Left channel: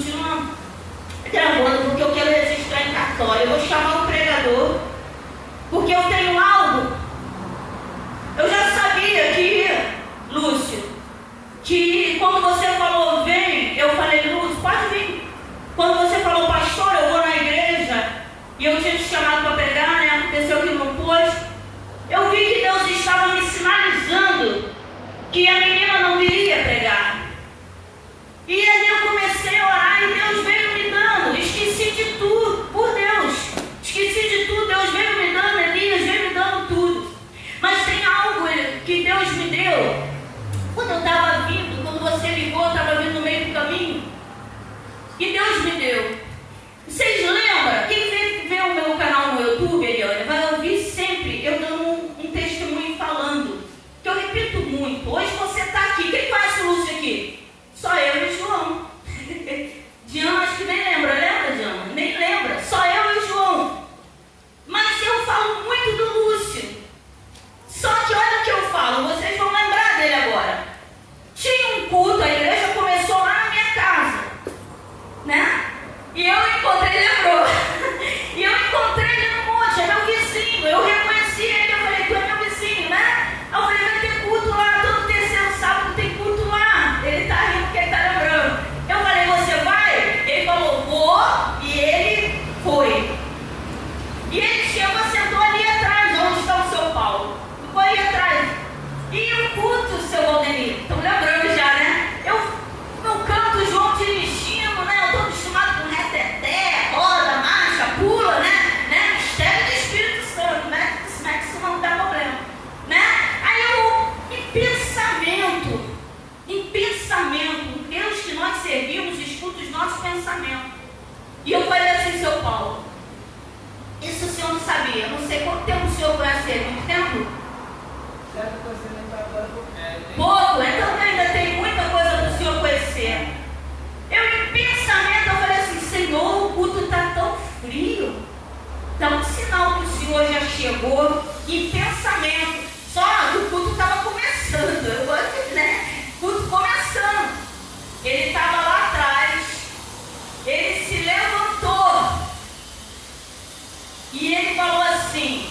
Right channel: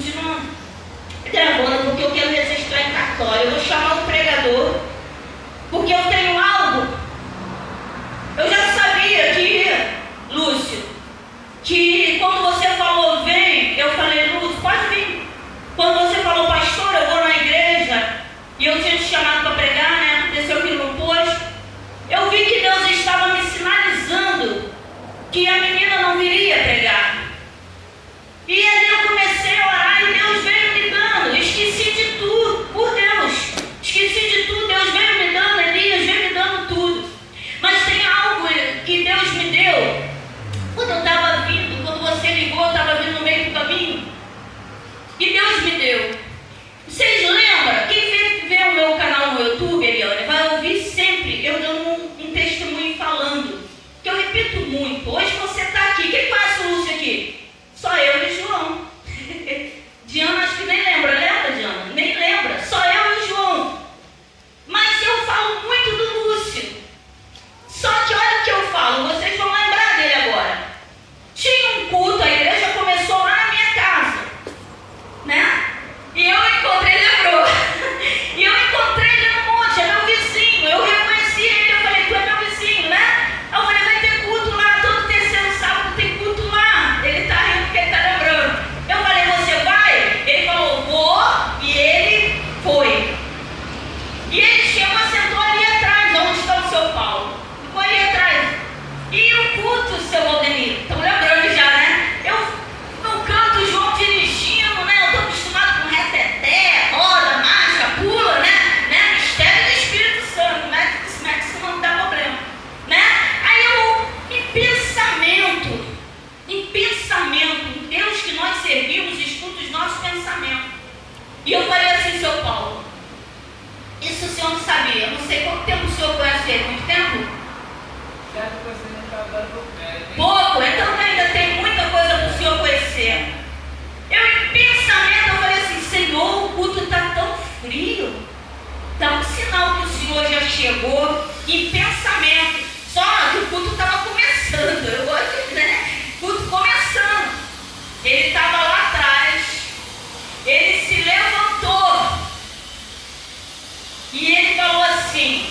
continuando gravando, porque eu quero registrar em cartório. Eu vou chamar o pregador, porque eu tenho algo. Eu já sabia que, Lúcio, que quando você falou vem, eu falei, Lúcio, pode vir. Quando você falou, pastor, eu vou na igreja, e eu tinha te chamado para pregar, né? Aconteceu que não pôs. Eu vi que Deus estava me sinalizando que a menina não viria pregar. E aí eu comecei a orar e Deus veio me dando. Esqueci de tudo, por Deus. Esqueci de tudo, Deus veio me dando, Elias veio me dando tudo. Mas tem algo que Deus me deu. Quando eu estava vindo, quando você ligou, eu estava vindo no meio do caminho. E Deus me deu. Vocês lembram? Quem vê o meu canal no YouTube, Eliane, vai ouvir sempre eu dando um testemunho falando. Que eu repito muito. Hoje você está aqui. Quem conhece o Lúcio aqui? Só eu e João. Diana acho que nem lembra. Lembra, Diana? Nem lembra. Só eu e o João. Mas eu falo muito do Lúcio. Só que olha o que eu falo. Vocês vão lembrar dele agora. Tinha um culto, a igreja começou lá na minha casa, né? E eu encontrei, lembrou? E eu encontrei ele no monte, é meu vizinho. Eu reconheci ele, eu falei, tu é meu vizinho, né? Eu falei, vai ter culto lá, todo terceiro sábado tem culto lá. Ele tá rindo porque ele tá lembrando. Eu falei, você vai? Ele falou, vou, e ele foi. E ele chegou, sentou ali atrás, onde está o seu Paulo. Ficou ali atrás. E o culto, seu Valdemir, estão lembrando já, né? Eu não canto o João dirigindo, né? Eu estou acostumado com reteté, roda, marcha, pula, né? Mistério do Espírito Santo, né? Isso não dá problema, né? Aí eu, em pensamento, Deus que nós servimos, escuta os nossos pensamentos. E eu falei assim, seu Paulo, isso o senhor não sabia, eu não sei quanto tempo o senhor conhece ele, muito tempo? Pouco, então ainda tem muita coisa para o senhor conhecer. Eu em pensamento, eu falei assim, Senhor, o culto está tão frio. Dá um sinal que o senhor já chegou. Em pensamento, só que o culto estava começando. Eu gosto, né? Culto começando. Ele estava lá atrás. Ele se levantou. E ele falou assim,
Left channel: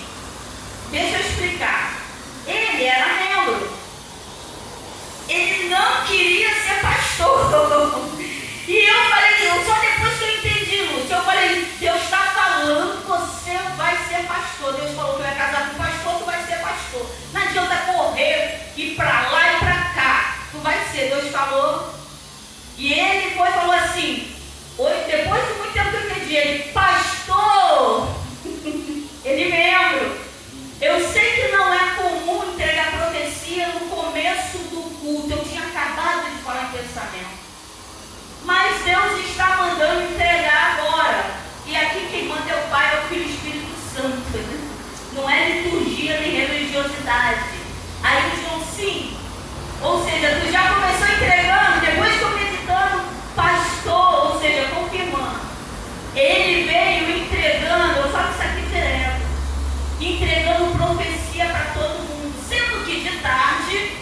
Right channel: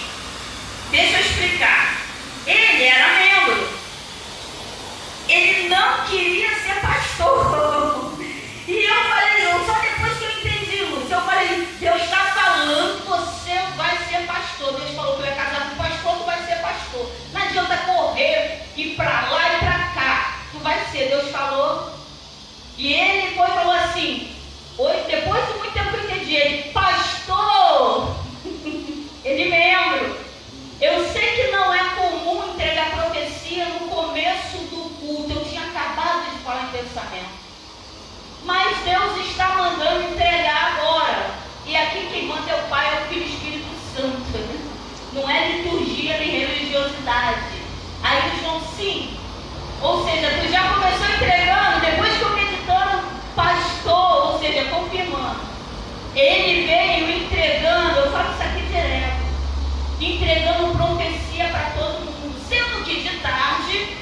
deixa eu explicar. Ele era membro. Ele não queria ser pastor. E eu falei, só depois que eu entendi, Lúcio, eu falei, Deus está falando, você vai ser pastor. Deus falou que vai casar com pastor, tu vai ser pastor. Não adianta correr, ir para lá e para cá. Tu vai ser, Deus falou. E ele foi e falou assim, depois de muito tempo que eu entendi, ele, pastor, ele membro. Eu sei que não é comum entregar profecia no começo do culto. Eu tinha acabado de falar em pensamento. Mas Deus está mandando entregar agora. E aqui quem manda é o Pai, é o Filho e o Espírito Santo. Né? Não é liturgia nem religiosidade. Aí o João, sim. Ou seja, tu já começou entregando, depois estou meditando, pastor, ou seja, confirmando. Ele veio entregando, eu falo isso aqui direto, entregando profecia para todo mundo. Sendo que de tarde,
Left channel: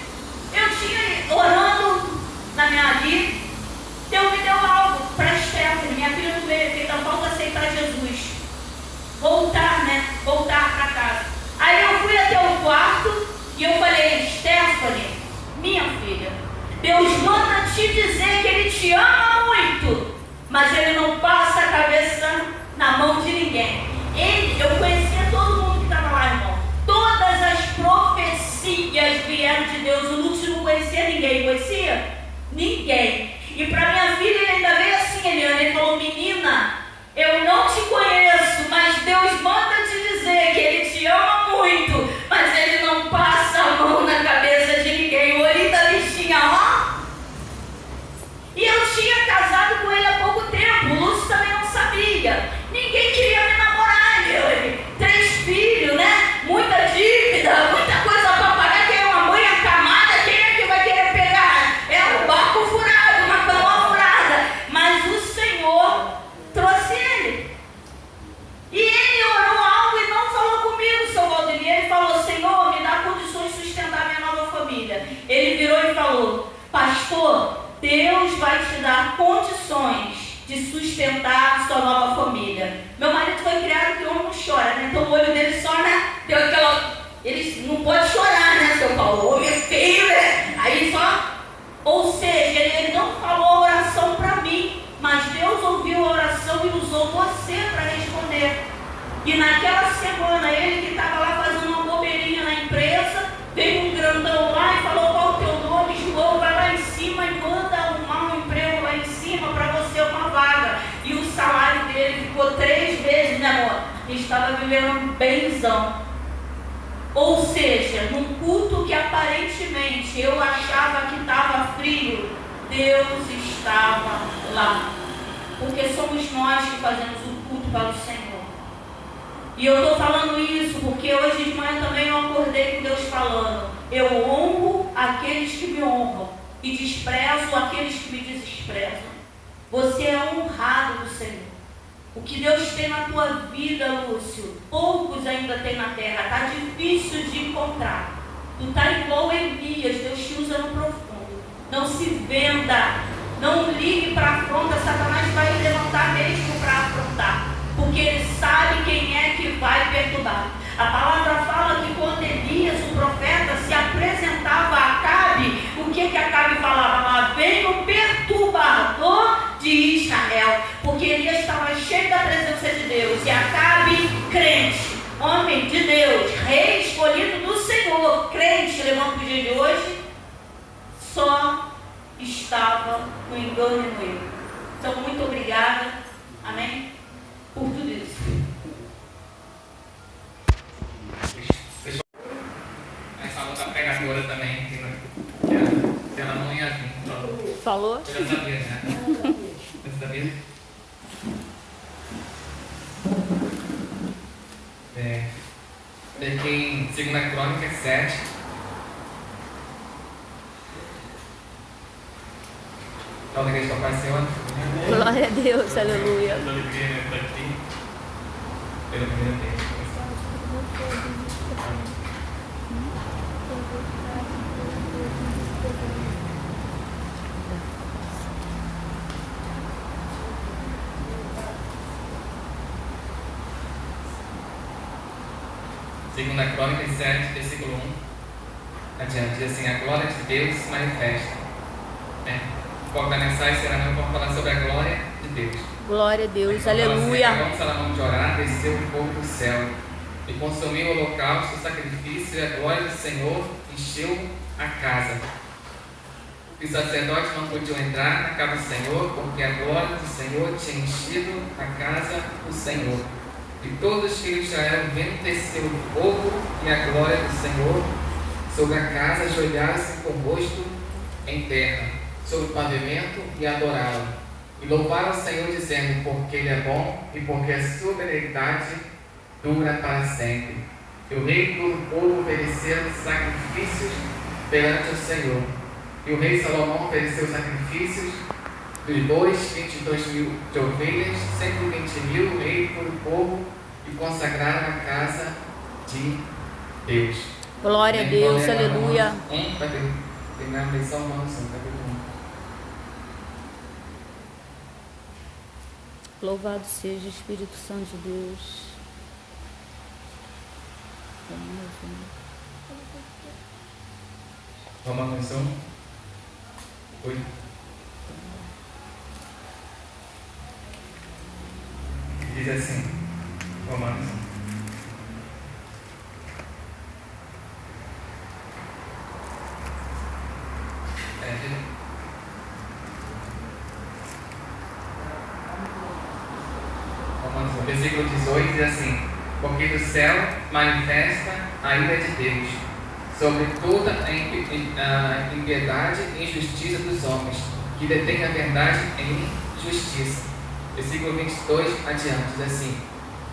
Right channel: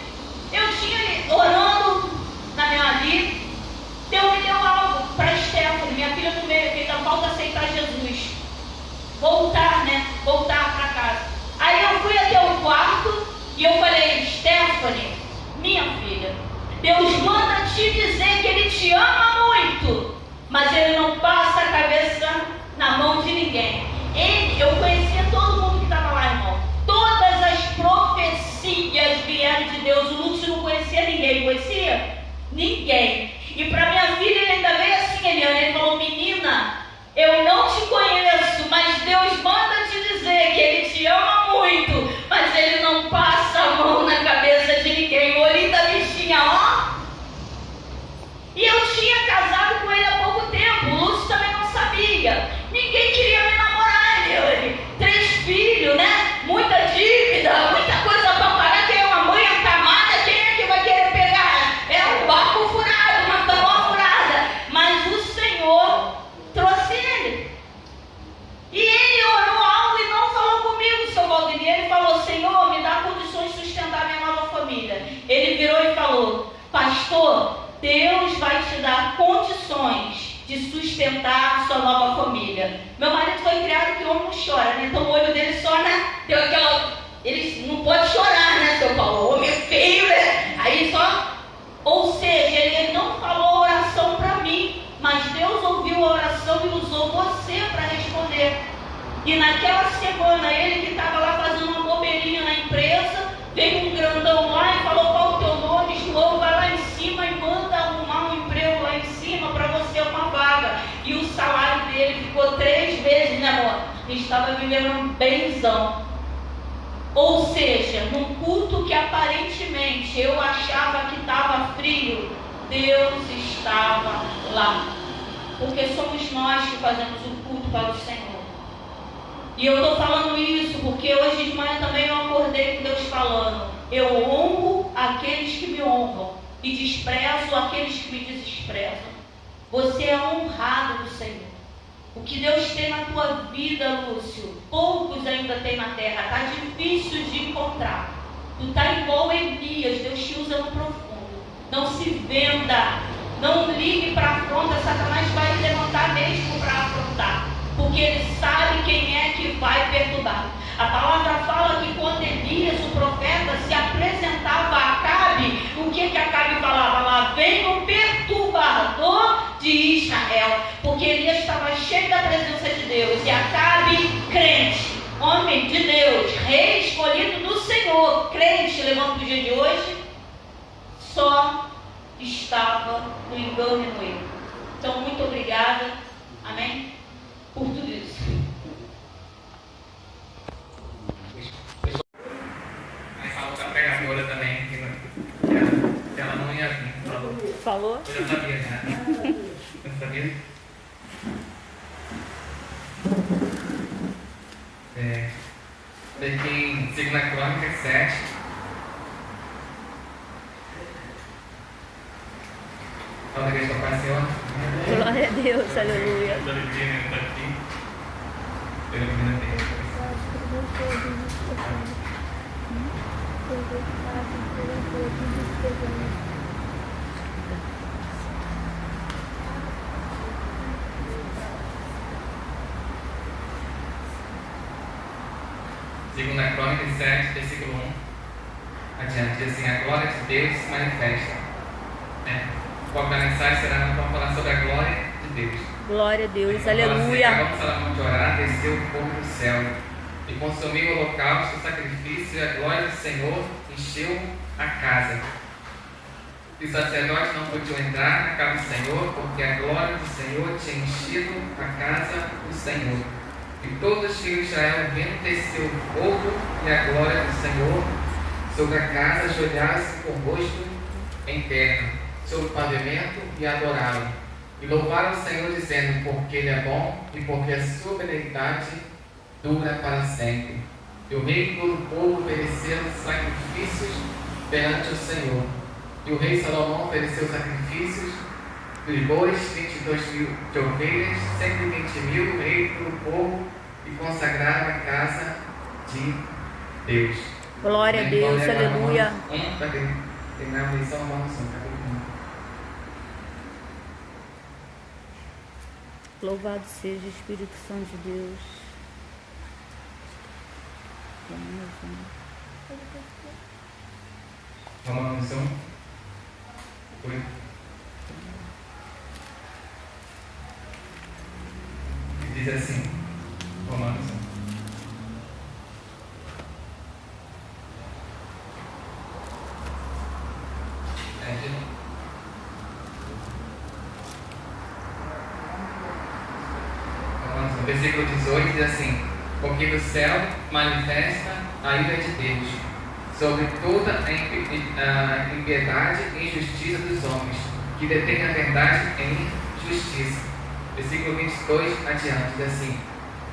eu tinha orando na minha vida, Deus me deu algo para Stephanie, minha filha do meio, que ainda falta aceitar Jesus. Voltar, né? Voltar para casa. Aí eu fui até o quarto e eu falei, Stephanie, minha filha, Deus manda te dizer que Ele te ama muito, mas Ele não passa a cabeça na mão de ninguém. Eu conhecia todo mundo que estava lá, irmão. Todas as profecias vieram de Deus. O Lúcio não conhecia ninguém. Conhecia? Ninguém. E para minha filha ele ainda veio assim, ele falou, menina, eu não te conheço, mas Deus manda te dizer que Ele te ama muito, mas Ele não passa a mão na cabeça de ninguém. O olhinho da bichinha, ó. E eu tinha casado com ele há pouco tempo. O Lúcio também de sustentar sua nova família. Meu marido foi criado que o homem não chora, né? Então o olho dele só, né? Deu aquela... Ele não pode chorar, né, seu Paulo? O homem é feio, né? Aí só... Ou seja, ele não falou a oração para mim, mas Deus ouviu a oração e usou você para responder. E naquela semana, ele que estava lá fazendo uma bobeirinha na empresa, veio um grandão lá e falou: qual o teu nome? João, vai lá em cima e manda arrumar um emprego lá em cima para você, uma vaga. E o salário dele ficou 3 vezes, né, amor? E estava vivendo benzão. Ou seja, num culto que aparentemente eu achava que estava frio, Deus estava lá. Porque somos nós que fazemos o culto para o Senhor. E eu estou falando isso porque hoje de manhã também eu acordei com Deus falando: eu honro aqueles que me honram e desprezo aqueles que me desprezam. Você é honrado do Senhor. O que Deus tem na tua vida, Lúcio, poucos ainda tem na terra. Está difícil de encontrar. Tu está igual Elias. Deus te usa no profundo. Não se venda. Não ligue para a afronta. Satanás vai levantar mesmo para afrontar. Porque ele sabe quem é que vai perturbar. A palavra fala que quando Elias, o profeta, se apresentava a Acabe, o que Acabe falava? Lá vem o perturbador de Israel. Porque Elias estava cheio da presença de Deus. E Acabe, crente, homem de Deus, rei escolhido do Senhor, crente, levando o dia de hoje, só estava no engano e no erro. Então, muito obrigada. Amém? Por tudo isso. Aí falou da pregadora também, que ela não ia vir. Falou? Eu já sabia, né? Você sabia? Tem em 2 Crônicas 7. Toda vez que apareceu, Glória a Deus, aleluia. Segunda Crônicas 7, versículo 1 adiante, diz assim: a glória de Deus se manifesta. O foco da mensagem será vamos falar sobre a glória de Deus. Glória a Deus, Assim, aleluia. vamos Salomão de orar, desceu o fogo do céu e consumiu o holocausto, o sacrifício, e a glória do Senhor encheu a casa. Os sacerdotes não podiam entrar na casa do Senhor, porque a glória do Senhor tinha enchido a casa do Senhor. E todos os filhos de Israel, vendo descer o fogo e a glória do Senhor sobre a casa, ajoelharam-se com o rosto em terra, sobre o pavimento, e adoraram. E louvaram o Senhor, dizendo: porque Ele é bom e porque a sua benignidade dura para sempre. E o rei e todo o povo ofereceram sacrifícios perante o Senhor. E o rei Salomão ofereceu sacrifícios de bois, 22.000 de ovelhas, 120.000 do rei e todo o povo, e consagraram a casa de Deus. Glória a Deus, aleluia. Para terminar a lição, vamos Louvado seja o Espírito Santo de Deus. Romanos 1. Oi. Diz assim, Romanos 1. Romanos 1, versículo 18 diz assim: porque do céu manifesta a ira de Deus sobre toda a impiedade e injustiça dos homens, que detêm a verdade em justiça. Versículo 22 adiante, diz assim:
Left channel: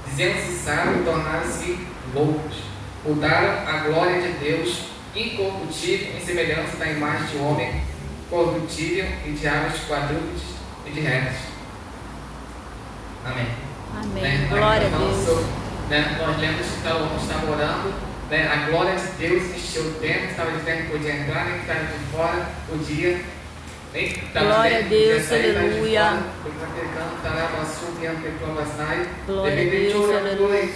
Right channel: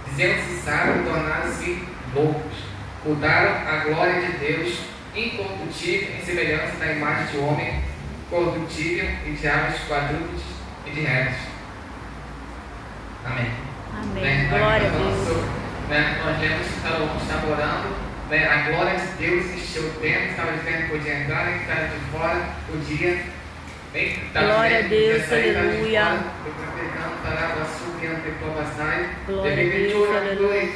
dizendo-se sábios, tornaram-se loucos, mudaram a glória de Deus incorruptível em semelhança da imagem de homem corruptível e de aves, quadrúpedes e de répteis. Amém. Amém. Glória a Deus. Nós estamos namorando, a glória de Deus encheu o templo, estava dizendo que podia entrar, nem que estava de fora, podia. Glória a Deus, aleluia. Foi pregando ante provasai. Glória a Deus, aleluia,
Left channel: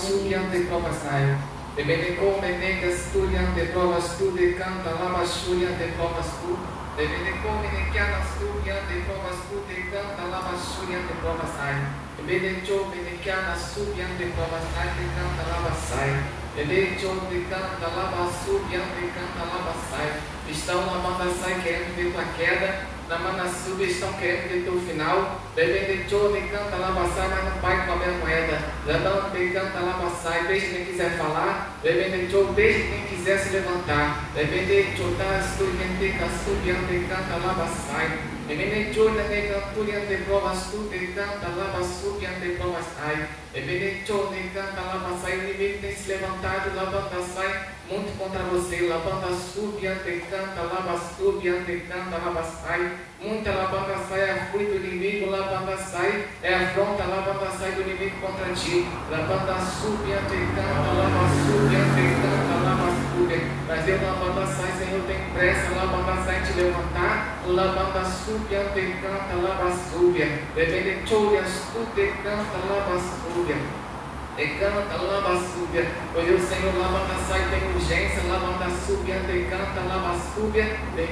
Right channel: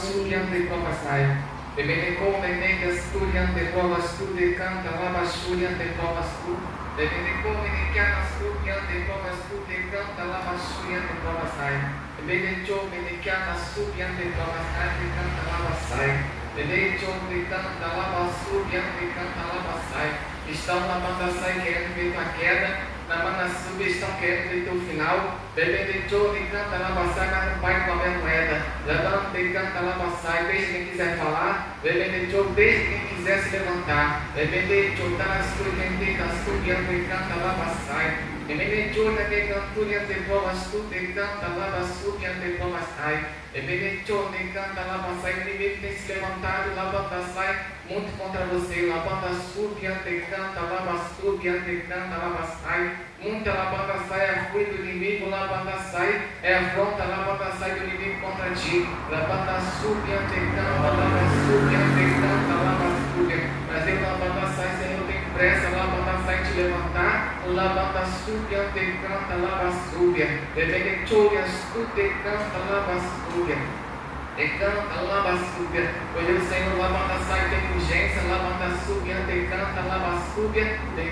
Senhor, ante provasai. Bebede come nega studi ante provas studi canta lava studi ante provas studi. Bebede come negiana studi ante provas studi canta lava studi ante provasai. Bebede giove negiana studi ante provasai canta lava sai. Bebede giove canta lava studi ante canta lava sai. Estão na banda sai querendo ver tua queda, na banda sub estão querendo ver teu final. Bebendo de canta lá passar, mas não vai com a minha moeda. Levanta e canta lá passar, deixa quem quiser falar. Bebendo de deixa quem quiser se levantar. Bebendo de tá estudando e tá subindo e canta lá passar. Bebendo de ne cantura de provas tudo e canta lá passar e ante provas sai. Bebendo de canta lá passar, o inimigo tem se levantado, lá banda sai. Muito contra você, lavanda subiante canta, lava subiante canta, lava sai. Muita lavanda sai, é fruto do inimigo, lavanda sai, é afronta, lavanda sai do inimigo contra ti. Lavanda subiante canta, lava subiante canta, lava subiante. Brasil, lavanda sai, Senhor, tem pressa, lavanda sai te levantar. Lavanda subiante canta, lava subiante. Bebendo chorias, tudo canta, lava subiante. E canta, lava súbia. Hoje o Senhor lava sai, tem urgência. Lava súbia, te canta, lava súbia. Te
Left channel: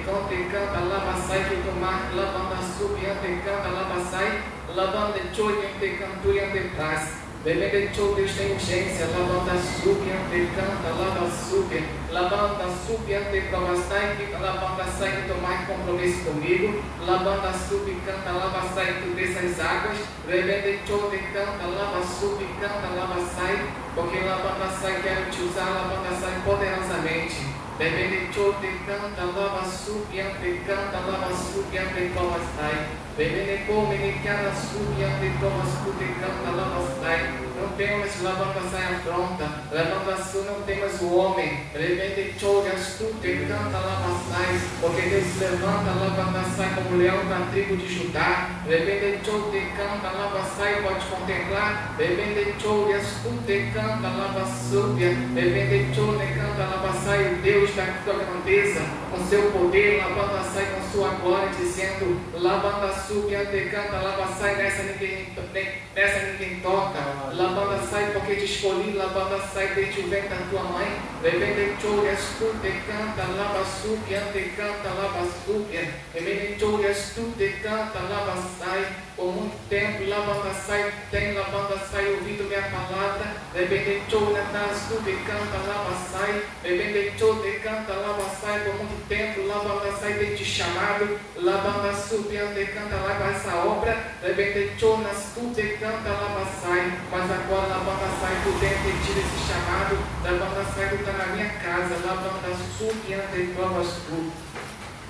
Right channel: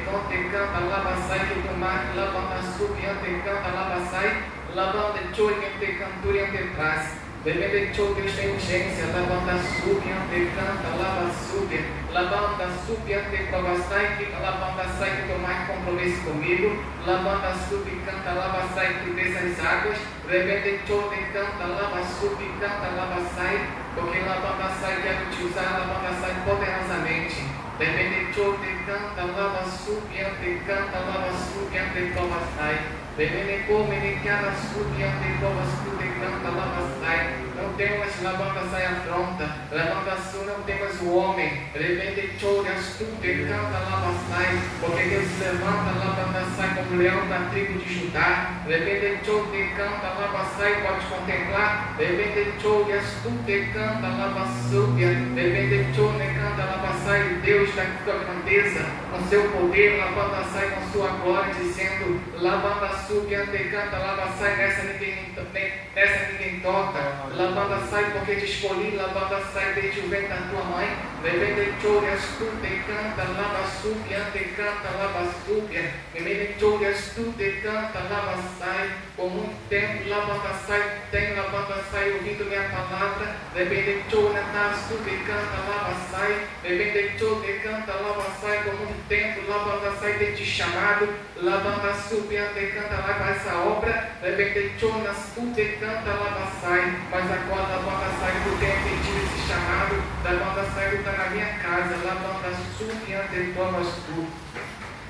canta, lava sai, que o mar. Lava súbia, te canta, lava sai. Lavanda choria, te cantura, te paz. Bebê show, Deus tem urgência. Lavanda súbia, te canta, lava súbia. Lavanda súbia, te provastai. Lavanda sai, que tomar compromisso comigo. Lavanda súbia, canta, lava sai, que desce as águas. Bebê show, te canta, lava súbia, canta, lava sai. Porque lavanda sai, quero te usar, lavanda sai poderosamente. Bebê show, te canta, lava súbia, te canta, lava súbia, te provastai. Bebê come, ne cara súbia, te provastai, te canta, lava sai. Não temos lavanda sai afronta, lavanda sul não temos o homem. Bebê show, tu te canta, lava sai. Porque Deus se levanta, lavanda sai como leão da tribo de Judá. Bebê show, te canta, lava sai, pode contemplar. Bebê show, tu te canta, lava súbia. Bebê show, ne canta, lava sai, o Deus da tua grandeza, com seu poder, lavanda sai com sua glória, dizendo: lavanda súbia, te canta, lava sai, nessa ninguém toca. Lavanda sai porque te escolhi, lavanda sai desde o ventre da tua mãe. Bebê show, tu te canta, lava súbia, te canta, lava súbia. Bebê show, tu te canta, lava sai. Por muito tempo, lavanda sai, tem lavanda sai, ouvido minha palavra. Bebê show, tu te canta, lava sai. Bebê show, te canta, lava sai. Por muito tempo, lavanda sai, tem te chamado. Lavanda súbia, te canta, lava essa obra. Bebê show, tu te canta, lava sai. Mas agora lavanda sai, tu tem pedido esse chamado. Lavanda sai, tu está na minha casa. Lavanda súbia, te provas tu.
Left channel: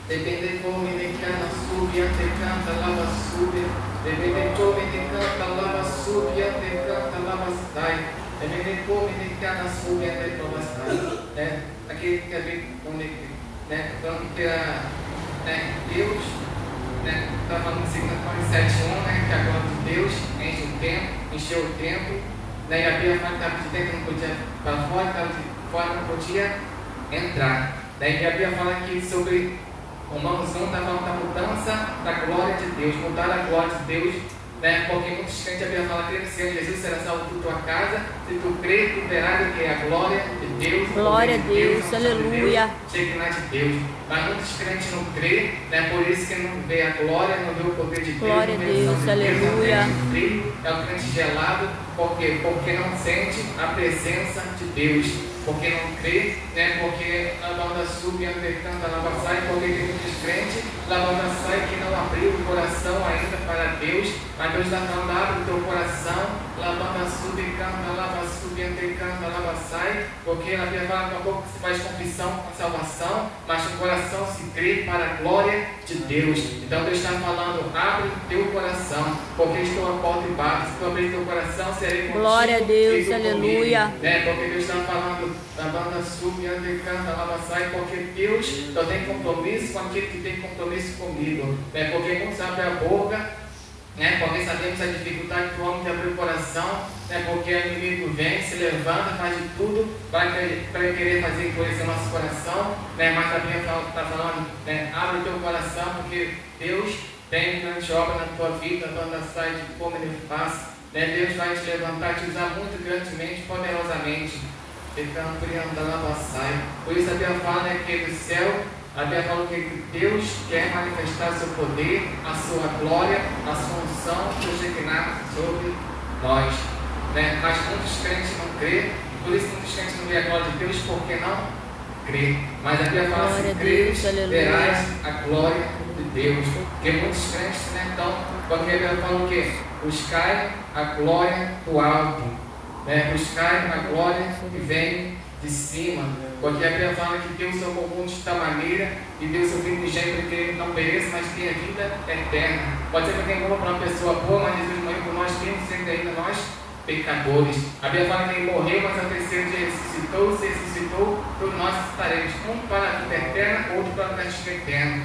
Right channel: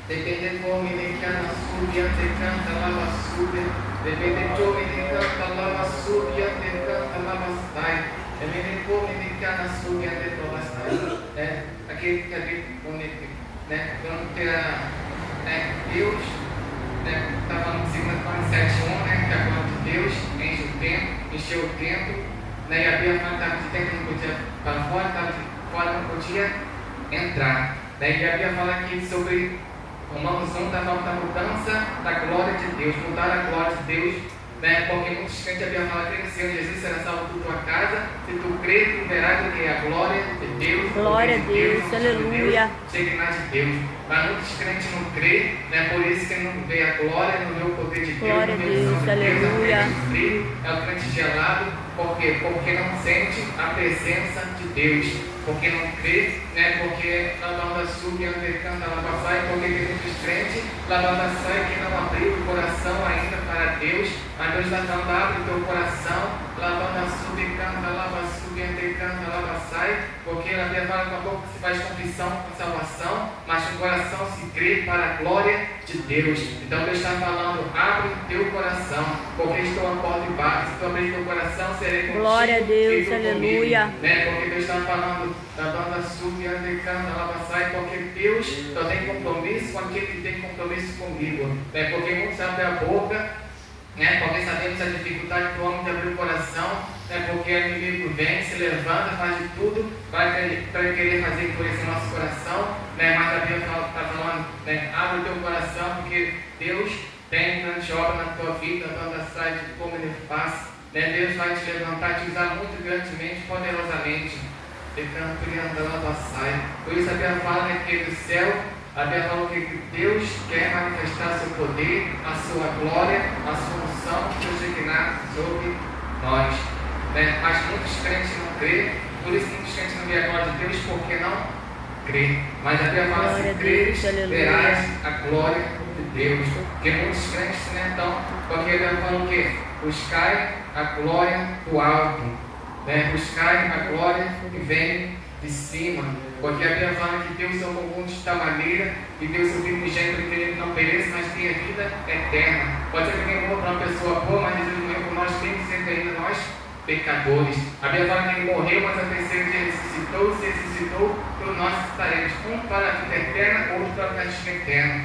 Depende come ne canta súbia, te canta, lava súbia. Depende come ne canta, lava súbia, te canta, lava sai. Depende come ne canta súbia, te provas sai. Aqui está onde, né? Quando tem Deus, né? Está falando em 2 7:1, né? Que a glória de Deus enche o templo, encheu o templo. Né? E a Bíblia fala que estava de dentro, não podia para fora, estava de fora, não podia entrar. Daí a Bíblia fala aqui sobre Romanos 1, está falando da mudança da glória de Deus, mudar a glória de Deus, né? Porque muitos crentes a Bíblia fala que no Senhor Jesus será salvo tu tua casa, se tu crer, tu verás que é a glória de Deus. Glória a Deus, aleluia. Chega de Deus. Mas muitos crentes não creem, né? Por isso que não vê a glória, não vê o poder de Deus. Glória a Deus, aleluia. É o crente gelado, porque não sente a presença de Deus. Porque não crê, né? Porque lavanda súbia, canta, lava sai, porque tem muitos crentes, lavanda sai que não abriu o coração ainda para Deus, mas Deus está falando, abre o teu coração, lavanda súbia, canta, lava súbia, canta, lava sai, porque na Bíblia fala que a pouco se faz confissão com a salvação, mas no coração se crê para a glória de Deus. Então Deus está falando, abre o teu coração, porque estou a porta e bate, se tu abrir teu coração, serei contigo. Glória a Deus, aleluia. Né? Porque Deus está falando, lavanda súbia, canta, lava sai, porque Deus só tem compromisso com aquele que tem compromisso comigo, né? Porque muitos abrem a boca, né? Porque sabemos a dificuldade do homem de abrir o coração, né? Porque o inimigo vem, se levanta, faz de tudo para querer fazer endurecer o nosso coração, né? Mas a Bíblia está falando, né? Abre o teu coração, porque Deus tem grande obra na tua vida, Banda Sai, de como ele faz. Deus vai te levantar, te usar muito grandemente, poderosamente. Por isso a Bíblia fala que do céu, a Bíblia fala que Deus quer manifestar seu poder, a sua glória, a sua unção, seus reinados sobre nós. Mas muitos crentes não crêem, por isso muitos crentes não veem a glória de Deus, porque não crê. Mas a Bíblia fala assim: crês, verás a glória de Deus. Porque muitos crentes estão, porque a Bíblia fala o quê? Buscai a glória do alto, buscai a glória que vem de cima. Porque a Bíblia fala que Deus é o comum de tal maneira e Deus é o primogênito que ele não pereça, mas tem a vida eterna. Pode ser que alguém morra para uma pessoa boa, mas Jesus morreu por nós, mesmo sendo ainda nós pecadores. A Bíblia fala que ele morreu, mas ao terceiro dia ressuscitou, se ressuscitou, todos nós estaremos, um para a vida eterna, outro para o castigo eterno.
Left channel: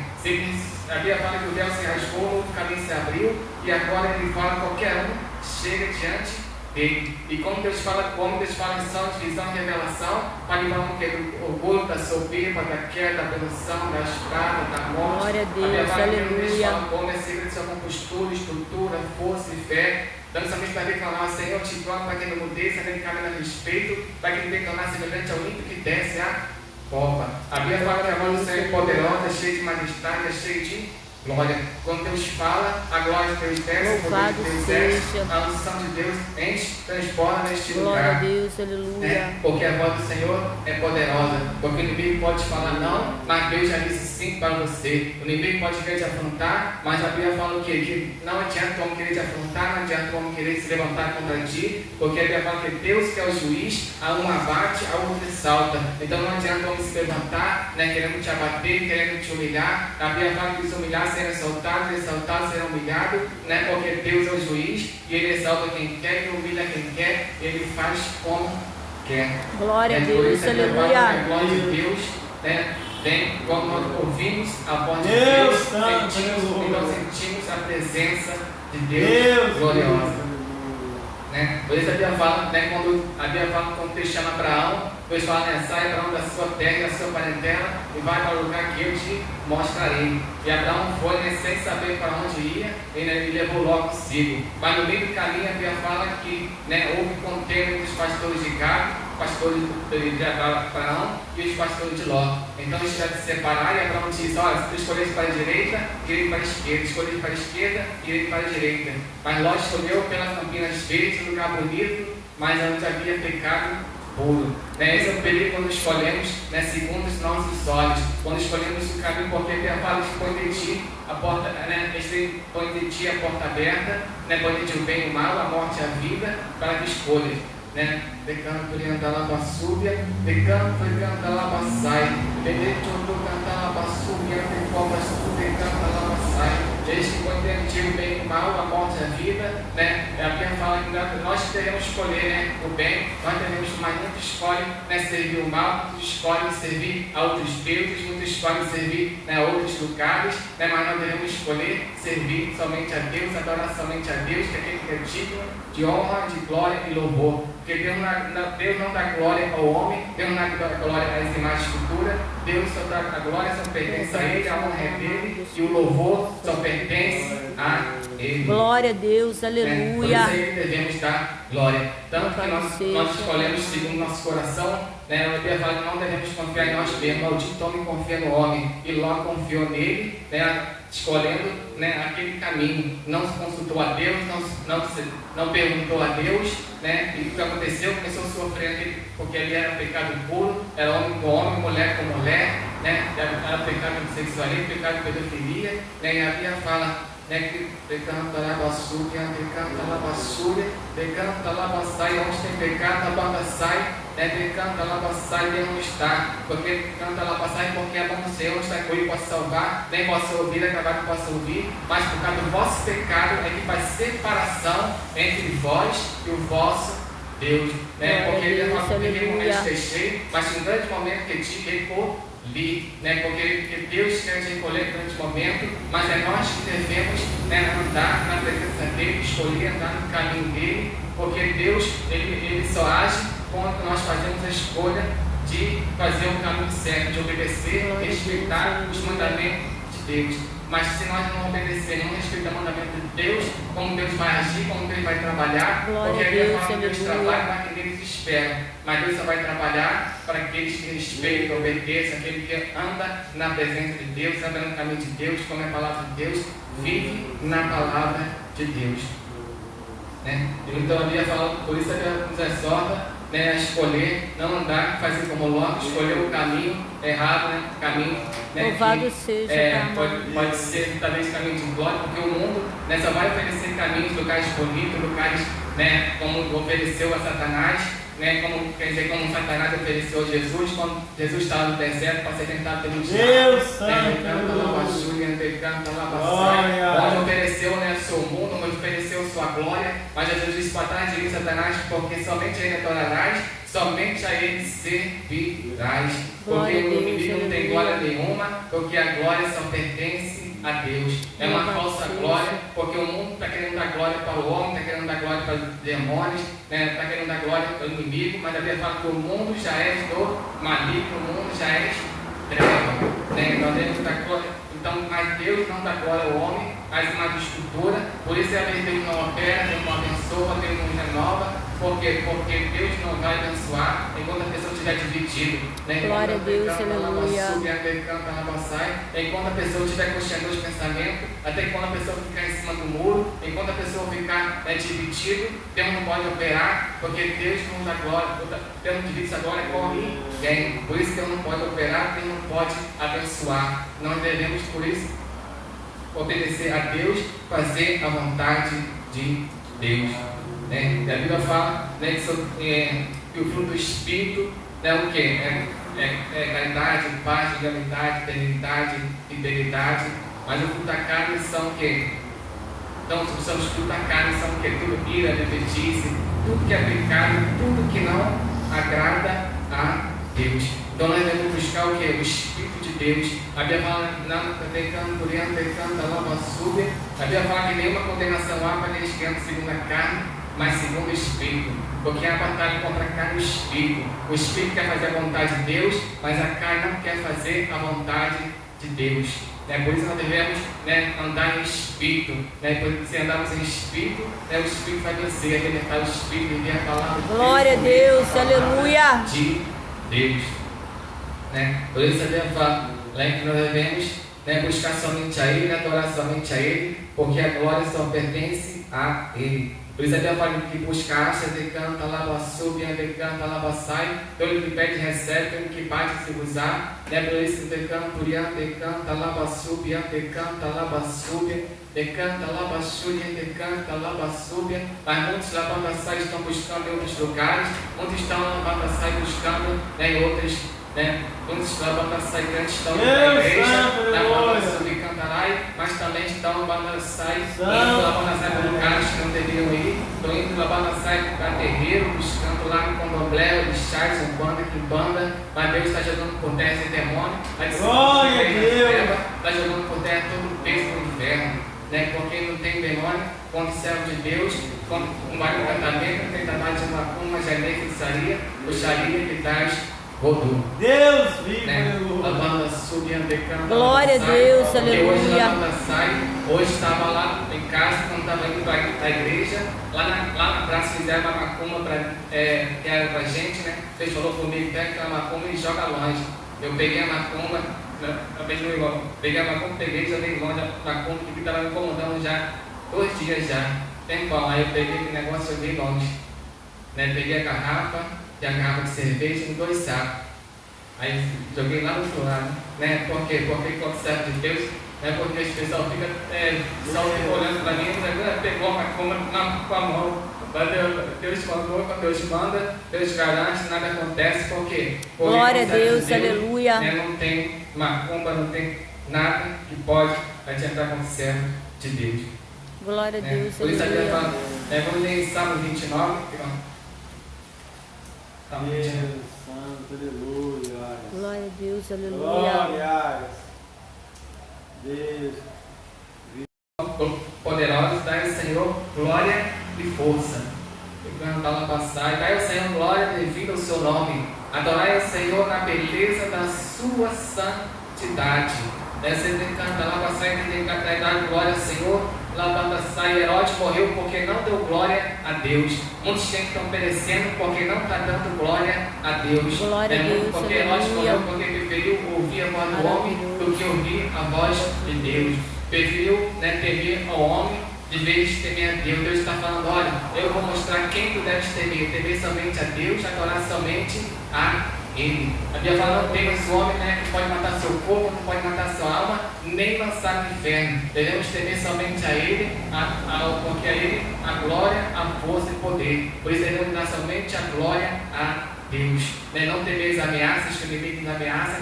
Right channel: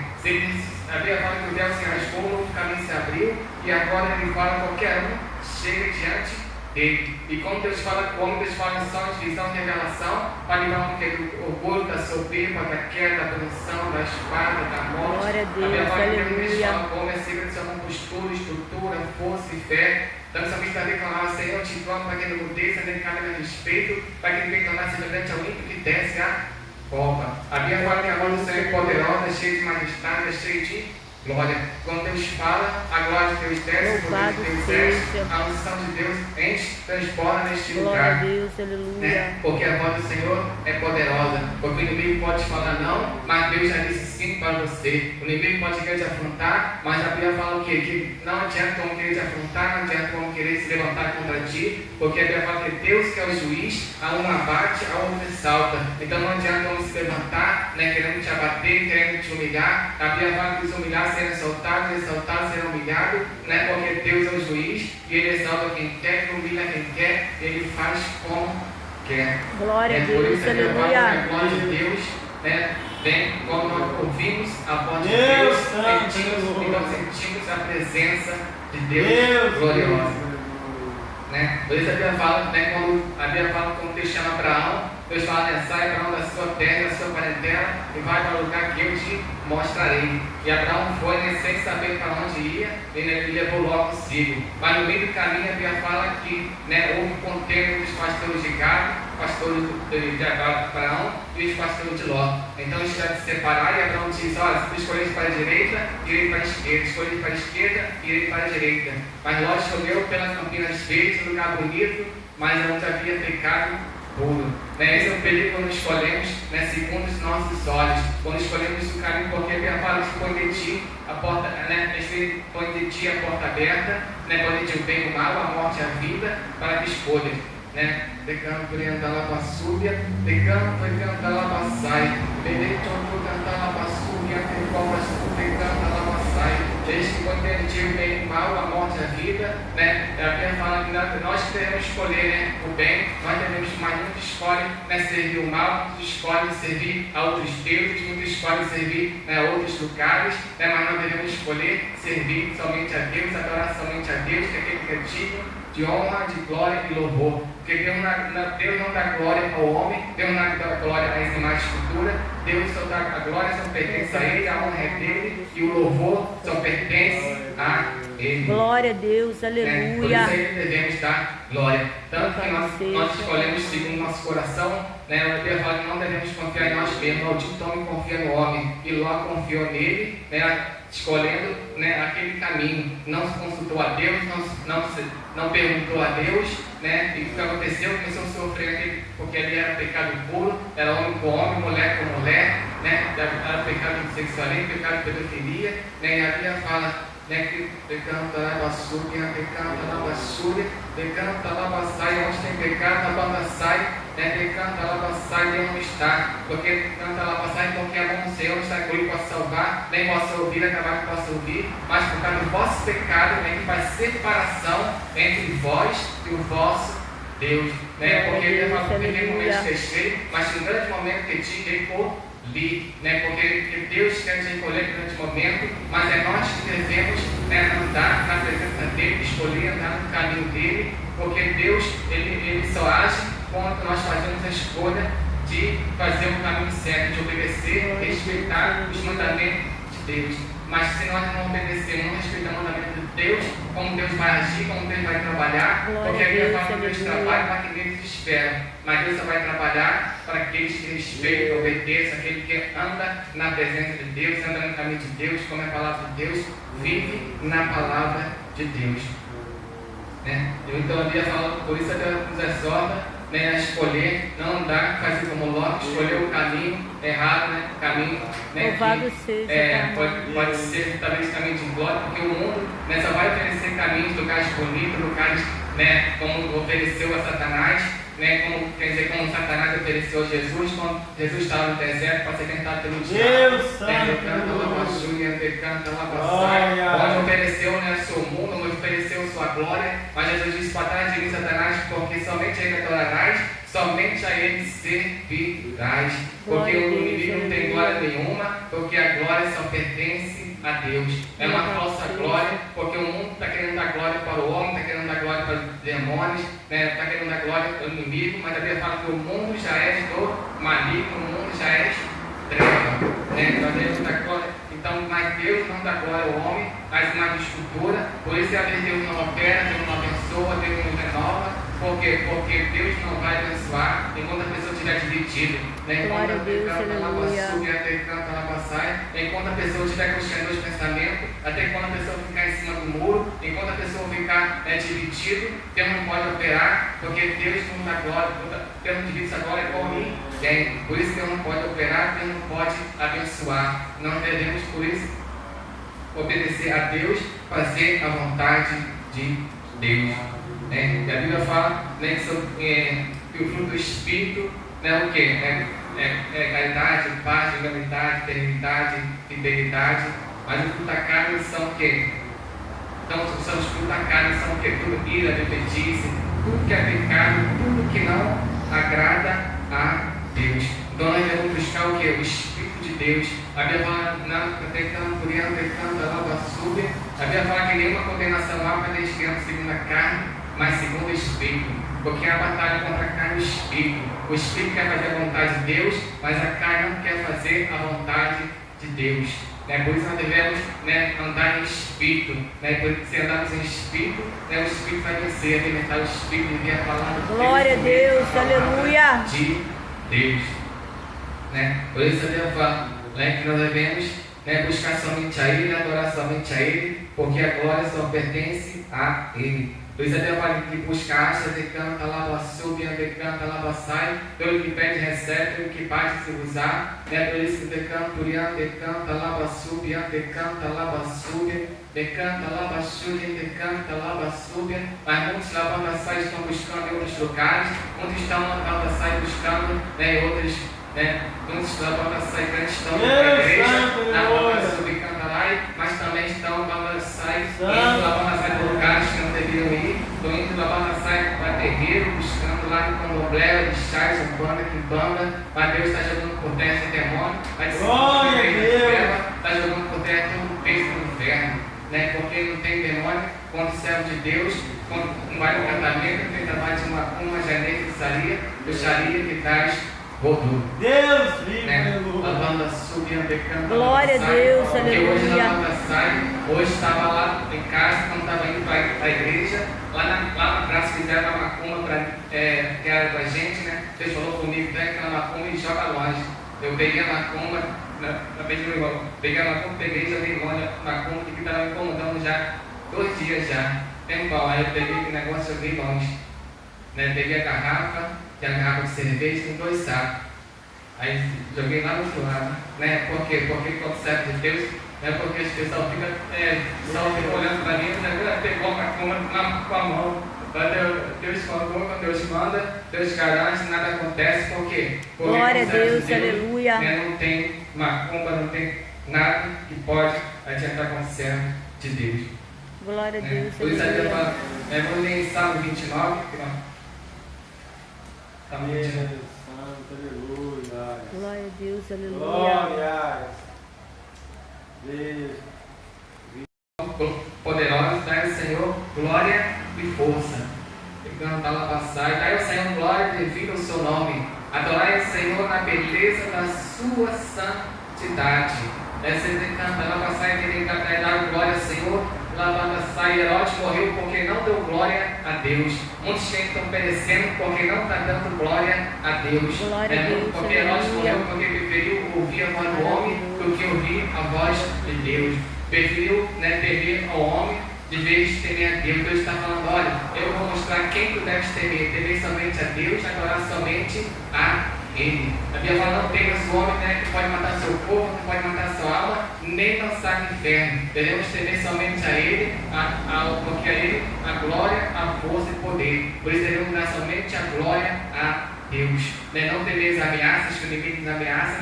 A Bíblia fala que o véu se rasgou, um novo caminho se abriu, e agora ele fala que qualquer um chega diante dele. E como Deus fala missão, divisão e revelação, para livrar do orgulho, da soberba, da queda, da produção, da espada, da morte. Glória a Deus, aleluia. Como é segredo de sua compostura, estrutura, força e fé. Então, somente para declarar, Senhor, te torno para que não mudeça, nem caminho a respeito, para que ele declarar semelhante ao ímpio que desce a cova. A Bíblia fala que a mão do Senhor é poderosa, cheia de majestade, cheia de glória. Quando Deus fala, a glória de Deus desce, louvado seja, a unção de Deus enche, transborda neste glória lugar. A Deus, aleluia. Porque a voz do Senhor é poderosa. Porque o inimigo pode te falar não, mas Deus já disse sim para você. O inimigo pode querer te afrontar, mas a Bíblia fala o quê? Que não adianta o homem querer te afrontar, não adianta o homem querer se levantar contra ti, porque a Bíblia fala que Deus que é o juiz, a um abate, a outro exalta. Então não adianta o homem se levantar, querendo te abater, querendo te humilhar. A Bíblia fala que se humilhar será exaltado, exaltado será humilhado, porque Deus é o juiz e ele exalta quem quer, ele humilha quem quer, ele faz como quer. Glória a Deus, aleluia. A glória de Deus vem quando nós ouvimos a voz de Deus, sentimos a presença de Deus gloriosa. Por isso a Bíblia fala, quando Deus chama Abraão, Deus fala, sai Abraão da sua terra, da sua parentela, e vai para o lugar que eu te mostrarei. E Abraão foi, sem saber para onde ia, ele levou logo consigo. Mas no meio do caminho a Bíblia fala que houve contenda entre os pastores de Gado, pastores de Abraão e os pastores de Ló. Então eles tiveram que se separar, e Abraão disse: olha, se tu escolhesse para a direita, irei para a esquerda, escolhi para a esquerda, irei para a direita. Mas Ló escolheu pela Campinas Verdes, um lugar bonito, mas onde havia pecado puro. Esse é o perigo quando escolhemos, segundo os nossos olhos, quando escolhemos o caminho, porque a palavra põe de ti a porta, põe de ti a porta aberta, põe de ti o bem e o mal, a morte e a vida, para que escolhas. Decano por andar lá para a súbia, decano por andar lá para a sai, beleza, por cantar lá para a súbia, por qual para a súbia, canta lá para a sai. Desde que quando tem o bem e o mal, a morte e a vida, a Bíblia fala que nós devemos escolher o bem, nós devemos, mas muitos escolhem servir o mal, muitos escolhem servir a outros deuses, muitos escolhem servir a outros lugares, mas nós devemos escolher servir somente a Deus, adorar somente a Deus, que é aquele que é digno de honra, de glória e louvor. Porque Deus não dá glória ao homem, Deus não dá glória às imagens de escultura, Deus só dá a glória, só pertence a Ele, a honra é dele, e o louvor só pertence a Ele. Glória a Deus, aleluia. Por isso Ele devemos dar glória. Tanto que nós escolhemos segundo nosso coração, a Bíblia fala que não devemos confiar em nós mesmos. Maldito homem confia no homem, e Ló confiou nele, escolhendo aquele caminho. Não se consultou a Deus, não perguntou a Deus, e o que aconteceu? Começou a sofrer porque ali era pecado puro, era homem com homem, mulher com mulher, era pecado de sexualismo, pecado de pedofilia, e a Bíblia fala que decanta lá basúria, decanta lá basúria, decanta lá basai, onde tem pecado, a banda sai, decanta lá basai, Deus não está, porque decanta lá basai, porque a mão do Senhor está com ele, possa salvar, nem possa ouvir, acabar que possa ouvir, mas por causa do vosso pecado, que faz separação entre vós e o vosso Deus, porque ele fala que naquele momento deixei, mas em um grande momento que te recolhi, porque Deus quer te recolher em um grande momento, mas é nós que devemos andar na presença dele, escolher andar no caminho dele, porque Deus ele só age quando nós fazemos a escolha de fazer o caminho certo, de obedecer, respeitar os mandamentos de Deus. Mas se nós não obedecermos, não respeitar o mandamento de Deus, como Deus vai agir, como Deus vai trabalhar, Glória porque a a Bíblia Deus, fala que Deus aleluia. trabalha para aqueles que esperam, mas Deus só vai trabalhar para aqueles que respeitam, obedecem, aquele que anda na presença de Deus, anda no caminho de Deus, come a palavra de Deus, vive na palavra de Deus. Né? Então a Bíblia fala, por isso a Bíblia nos exorta, né, a escolher, não andar, fazer como Ló, escolher o caminho errado, né, o caminho, né, Louvado que, seja, Pai pode ser talvez caminho de glória, porque o mundo, né, só vai oferecer caminhos, lugares bonitos, lugares, né, como ofereceu a Satanás, né, como, quer dizer, como Satanás ofereceu a Jesus, quando Jesus estava no deserto para ser tentado pelo diabo, onde ofereceu, né, o seu mundo, onde ofereceu sua glória, mas Jesus disse para trás de mim, Satanás, porque somente a ele adorarás, somente a ele servirás, porque o inimigo não tem glória nenhuma, porque a glória só pertence a Deus. É uma falsa glória, porque o mundo está querendo dar glória para o homem, está querendo dar glória para os demônios, está querendo dar glória para o inimigo, mas a Bíblia fala que o mundo já é do maligno, o mundo já é treva, né? Nós devemos dar glória. Então, mas Deus não dá glória ao homem, mas uma estrutura, por isso a Deus não opera, Deus não abençoa, Deus não renova. Por quê? Porque Deus não vai abençoar enquanto a pessoa estiver dividida. Né? Glória a Deus, aleluia. Enquanto a pessoa estiver construindo os pensamentos, até quando a pessoa ficar em cima do muro, enquanto a pessoa ficar dividida, Deus não pode operar, porque Deus não dá glória, Deus não divide essa glória com ninguém. Por isso Deus não pode operar, Deus não pode abençoar. Nós devemos, por isso, obedecer a Deus, fazer a vontade de Deus. Né? E a Bíblia fala, né, que o fruto do Espírito é o quê? Caridade, paz, legalidade, eternidade, fidelidade. Mas o fruto da carne são o quê? Então, os frutos da carne são o quê? Tudo ira, bebedice, tudo que é pecado, tudo que não agrada a Deus. Então, nós devemos buscar o quê? O Espírito de Deus. A Bíblia fala, a Bíblia fala que nenhuma condenação há para eles que andam segundo a carne, mas segundo o Espírito, porque é a batalha contra a carne e o Espírito. O Espírito quer fazer a vontade de Deus, mas a carne não quer fazer a vontade de Deus. Né? Por isso nós devemos, né, andar em Espírito. Né? Porque se andarmos em Espírito, né, o Espírito vai vencer, alimentar o Espírito e vir a palavra de Glória a Deus, aleluia. De Deus. Né? Por isso a Bíblia fala, né, que nós devemos, né, buscar somente a Ele, adorar somente a Ele, porque a glória só pertence a Ele. Por isso a Bíblia fala que busca, acha, decanta, lava, sube, decanta, lava, sai. Pelo que pede, recebe, pelo que bate, se usar. Né? Por isso que decanta, decanta, lava, sube, decanta, lava, sube. Decanta, lava, sube, decanta, lava, sube. Mas muitos lavando, sai estão buscando em outros lugares. Muitos estão lavando, sai buscando, né, em outros, né? Muitos lavando, sai estão na igreja, na lava, sube, canta lá, mas também estão lavando, sai indo lavando, sai por lugares que não deveriam ir. Estão indo lavando, sai para terreiro, buscando lá no candomblé, de chás, umbanda, quimbanda. Mas Deus está jogando por terra esse demônio. Mas está jogando por terra todo o peso do inferno. Né? Porque não tem demônio quando servo de Deus, quando não vai no casamento, não tem trabalho de macumba, janete, feitiçaria, bruxaria que traz rodou. Deus vive, né? Lavanda subindo, decanta. Glória a Deus, aleluia. Hoje estava lá em casa, quando estava indo para a igreja, lá na praça fizeram uma macumba que era para a gente, né? Deus falou comigo, tem aquela macumba e joga longe. Eu peguei a macumba, peguei a macumba, peguei e joguei longe a macumba, que estava me incomodando já 2 dias já. Tempão, aí eu peguei aquele negócio e joguei longe. Né? Peguei a garrafa de cerveja em 2 sacos. Aí joguei lá no outro lado. Né? Por quê? Porque quando serve de Deus, né? Porque as pessoas ficam olhando para mim, já pegou a macumba com a mão. Deus mandou, quando Deus manda, Deus garante, nada acontece. Por quê? Porque glória a Deus, aleluia. Não tem macumba, não tem nada que pode adiantar com o servo de Deus. Glória a Deus, por isso aleluia. Fala, vamos ler em Salmo 29. Amém. Santo, aleluia. Glória a Deus, aleluia. Glória. Deus. Poderosos, dai ao Senhor glória e força. Dai ao Senhor glória devido ao seu nome. Adorai ao Senhor na beleza da sua santidade. Você canta lá, sai, tem que dar glória ao Senhor. Lá, sai, Herodes morreu porque não deu glória a Deus. Muitos que estão perecendo porque não está dando glória a Deus. Glória a Deus, Porque Herodes morreu porque preferiu ouvir a voz do homem do que ouvir a voz de Deus. Preferiu temer ao homem de vez de temer a Deus. Deus está falando: olha, eu vou mostrar quem tu deves temer. Temer somente a Deus, adorar somente a Ele. A Bíblia fala: não temas o homem que pode matar seu corpo, não pode matar sua alma, nem lançar no inferno. Devemos temer somente a Ele, porque a Ele a glória, a força e poder. Por isso devemos dar somente a glória a Deus. Não temer as ameaças que o inimigo nos ameaça,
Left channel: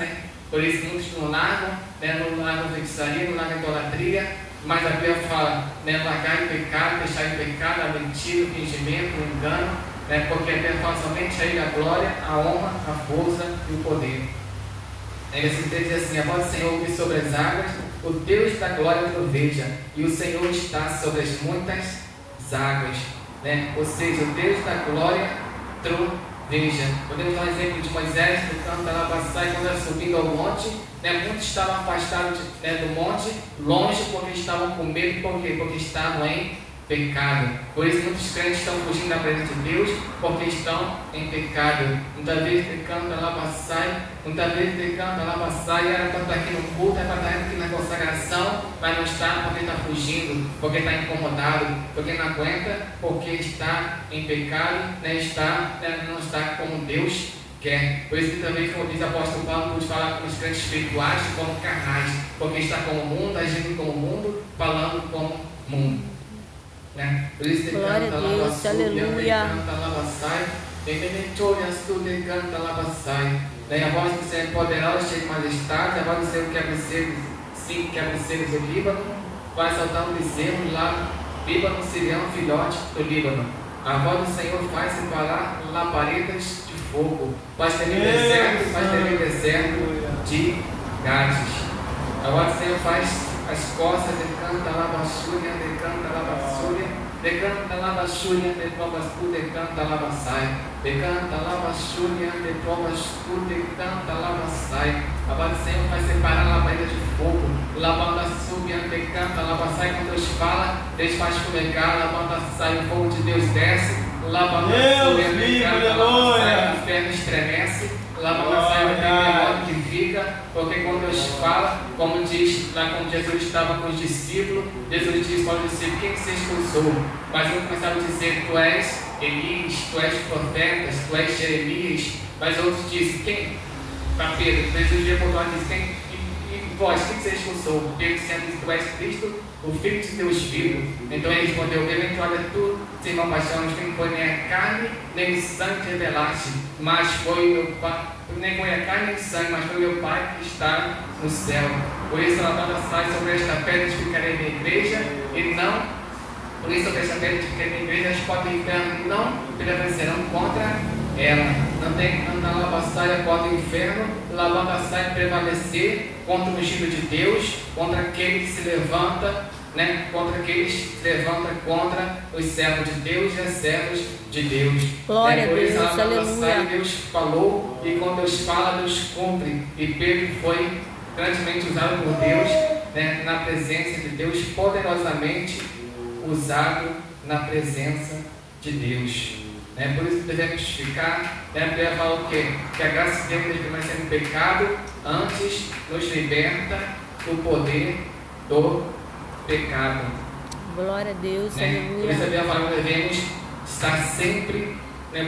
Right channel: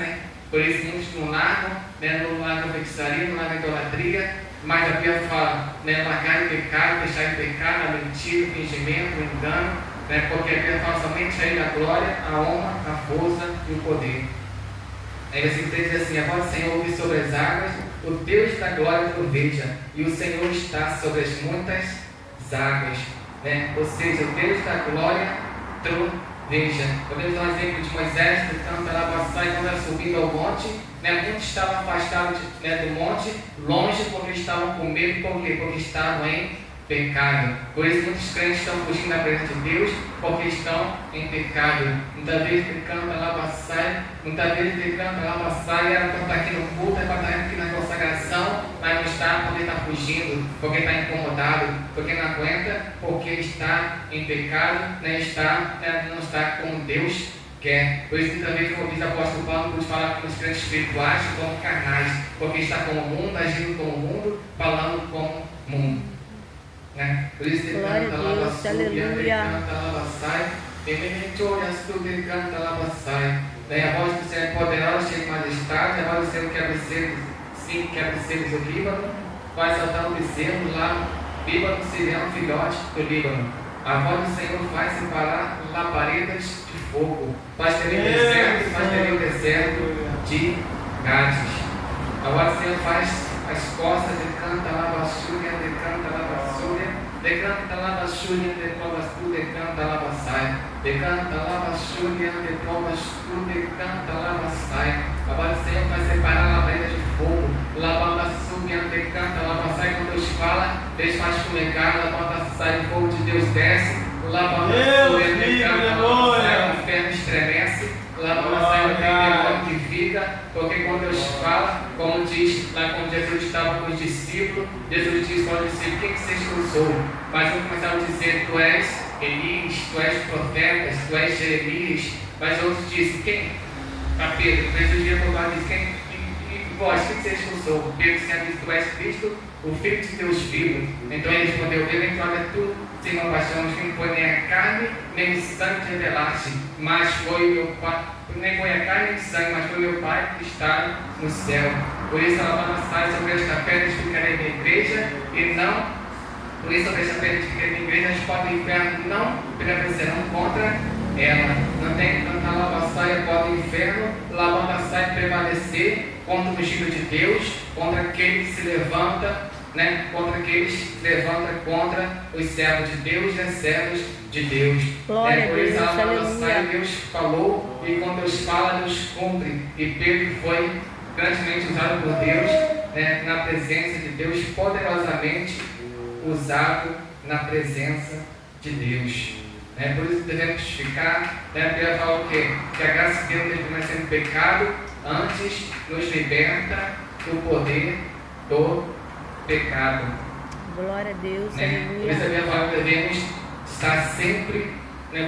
Por isso muitos não largam, não largam a feitiçaria, não largam a idolatria. Mas a Bíblia fala: largar o pecado, deixar o pecado, a mentira, o fingimento, o engano. Porque a Bíblia fala somente a Ele a glória, a honra, a força e o poder. Aí versículo 3 diz assim: a voz do Senhor ouve sobre as águas, o Deus da glória troveja, e o Senhor está sobre as muitas águas. Ou seja, o Deus da glória troveja. Podemos dar um exemplo de Moisés, que canta lá passar quando era subindo ao monte. Muitos estavam afastados do monte, longe, porque estavam com medo. Por quê? Porque estavam em pecado. Por isso muitos crentes estão fugindo da presença de Deus, porque estão em pecado. Muitas vezes ele canta lá passai, era cantar aqui no culto, é para estar aqui na consagração, mas não está porque está fugindo, porque está incomodado, porque não aguenta, porque está em pecado, não está como Deus quer. Por isso que também como diz o apóstolo Paulo, pode falar com os crentes espirituais como carnais, porque está como o mundo, agindo como o mundo, falando como o mundo. Por isso ele Glória canta a Deus, lá, aleluia. Daí a voz do Senhor é poderosa, cheia de majestade, a voz do Senhor quebra selos do Líbano, vai saltar um bezerro lá, Líbano, Sirião, filhote do Líbano. A voz do Senhor faz separar labaredas de fogo, faz tremer o deserto de Gades. A voz do Senhor faz as costas, decanta lá, baixúria, decanta lá, baixúria, decanta lá, baixúria, decanta lá, baixai, decanta lá, baixúria, decanta lá, baixai. A voz do Senhor faz separar a labareda de fogo, lavanda subia, decanta lá, baixai. Quando Deus fala, Deus faz fumegar, lavanda sai, o fogo de Deus desce, lavanda subia, decanta lá, baixai, o inferno estremece, lavanda sai, o demônio que fica, porque quando Deus fala, como diz lá quando Jesus estava com os discípulos, Jesus diz para os discípulos: quem que você expulsou? Mas eu começava a dizer: tu és Elias, tu és profetas, tu és Jeremias. Mas outros dizem: quem? Para Pedro, Jesus dia por lá diz: quem? E vós, quem que você expulsou? Pedro disse: tu és Cristo, o Filho de Deus vivo. Então ele respondeu: olha, tu, irmão Paixão, quem foi nem a carne, nem o sangue te revelaste, mas foi o meu Pai. Nem foi a carne nem o sangue, mas foi o meu Pai que está no céu. Por isso ela sai sobre esta pedra, edificarei minha igreja, e não, por isso sobre esta pedra edificarei minha igreja, as portas do inferno não prevalecerão contra ela. Não tem que cantar lava-saia, porta do inferno, lava-saia prevalecer contra o ungido de Deus, contra aquele que se levanta, contra aqueles que se levantam contra os servos de Deus e os servos de Deus. Glória a por isso Deus, aleluia. Deus falou, e quando Deus fala, Deus cumpre. E Pedro foi grandemente usado por Deus, na presença de Deus, poderosamente usado na presença de Deus. Por isso devemos ficar, Pedro fala o quê? Que a graça de Deus permanece no pecado, antes nos liberta do poder do pecado. Glória a Deus, Por isso a aleluia. Bíblia fala que devemos estar sempre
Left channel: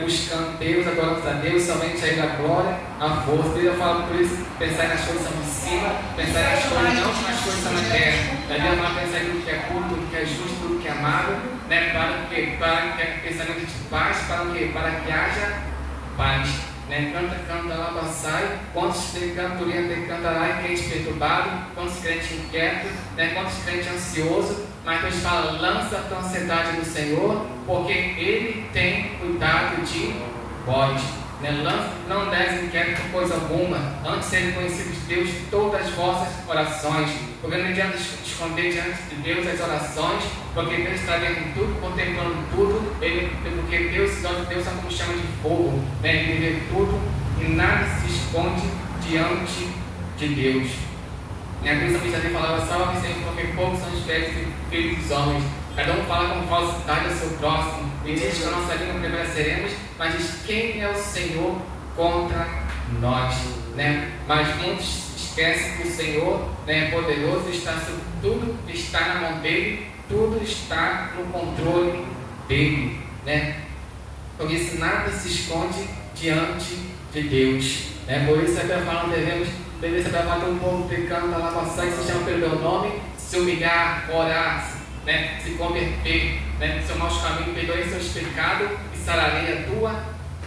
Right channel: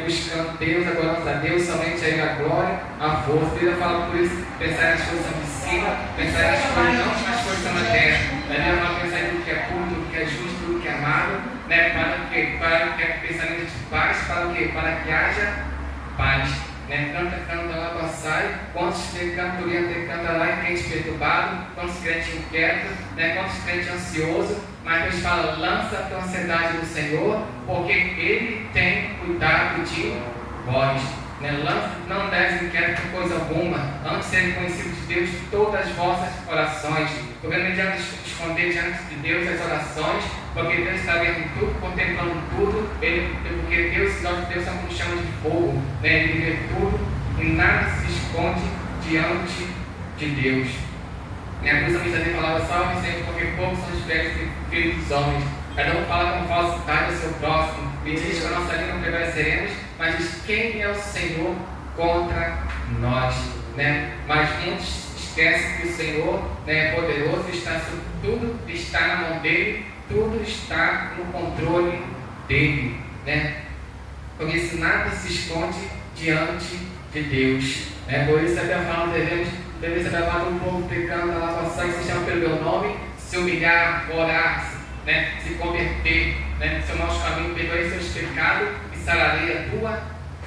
buscando Deus, adorando a Deus, somente a Ele a glória, a força. A Bíblia fala por isso: pensar nas coisas de cima, pensar nas coisas, não nas coisas da terra. A Bíblia fala: pensar em tudo que é puro, tudo que é justo, tudo que é amável, para que pensamento de paz, para que haja paz. Canta lá, passai, quantos canta lá em crente perturbado, quantos crentes inquietos, quantos crentes ansiosos, mas Deus fala: lança a tua ansiedade no Senhor, porque Ele tem cuidado de vós. Não des inquieto por coisa alguma, antes serem conhecidos de Deus todas as vossas orações. Porque não adianta esconder diante de Deus as orações, porque Deus está vendo tudo, contemplando tudo, porque Deus, os olhos de Deus são como chamas de fogo, Ele vê tudo e nada se esconde diante de Deus. Minha Deus também falava, salve Senhor, porque poucos são os filhos dos homens. Cada um fala com falsidade ao seu próximo. E diz que a nossa língua prevaleceremos, mas diz quem é o Senhor contra nós. Né? Mas muitos esquecem que o Senhor, né, é poderoso, está sobre tudo, está na mão dele, tudo está no controle dele. Né? Por isso nada se esconde diante de Deus. Né? Por isso até falando, devemos levar um povo pecando na nossa que se chama pelo meu nome, se humilhar, orar, né? Se converter, né? Seu mau caminho, perdoe seus pecados e sararei a tua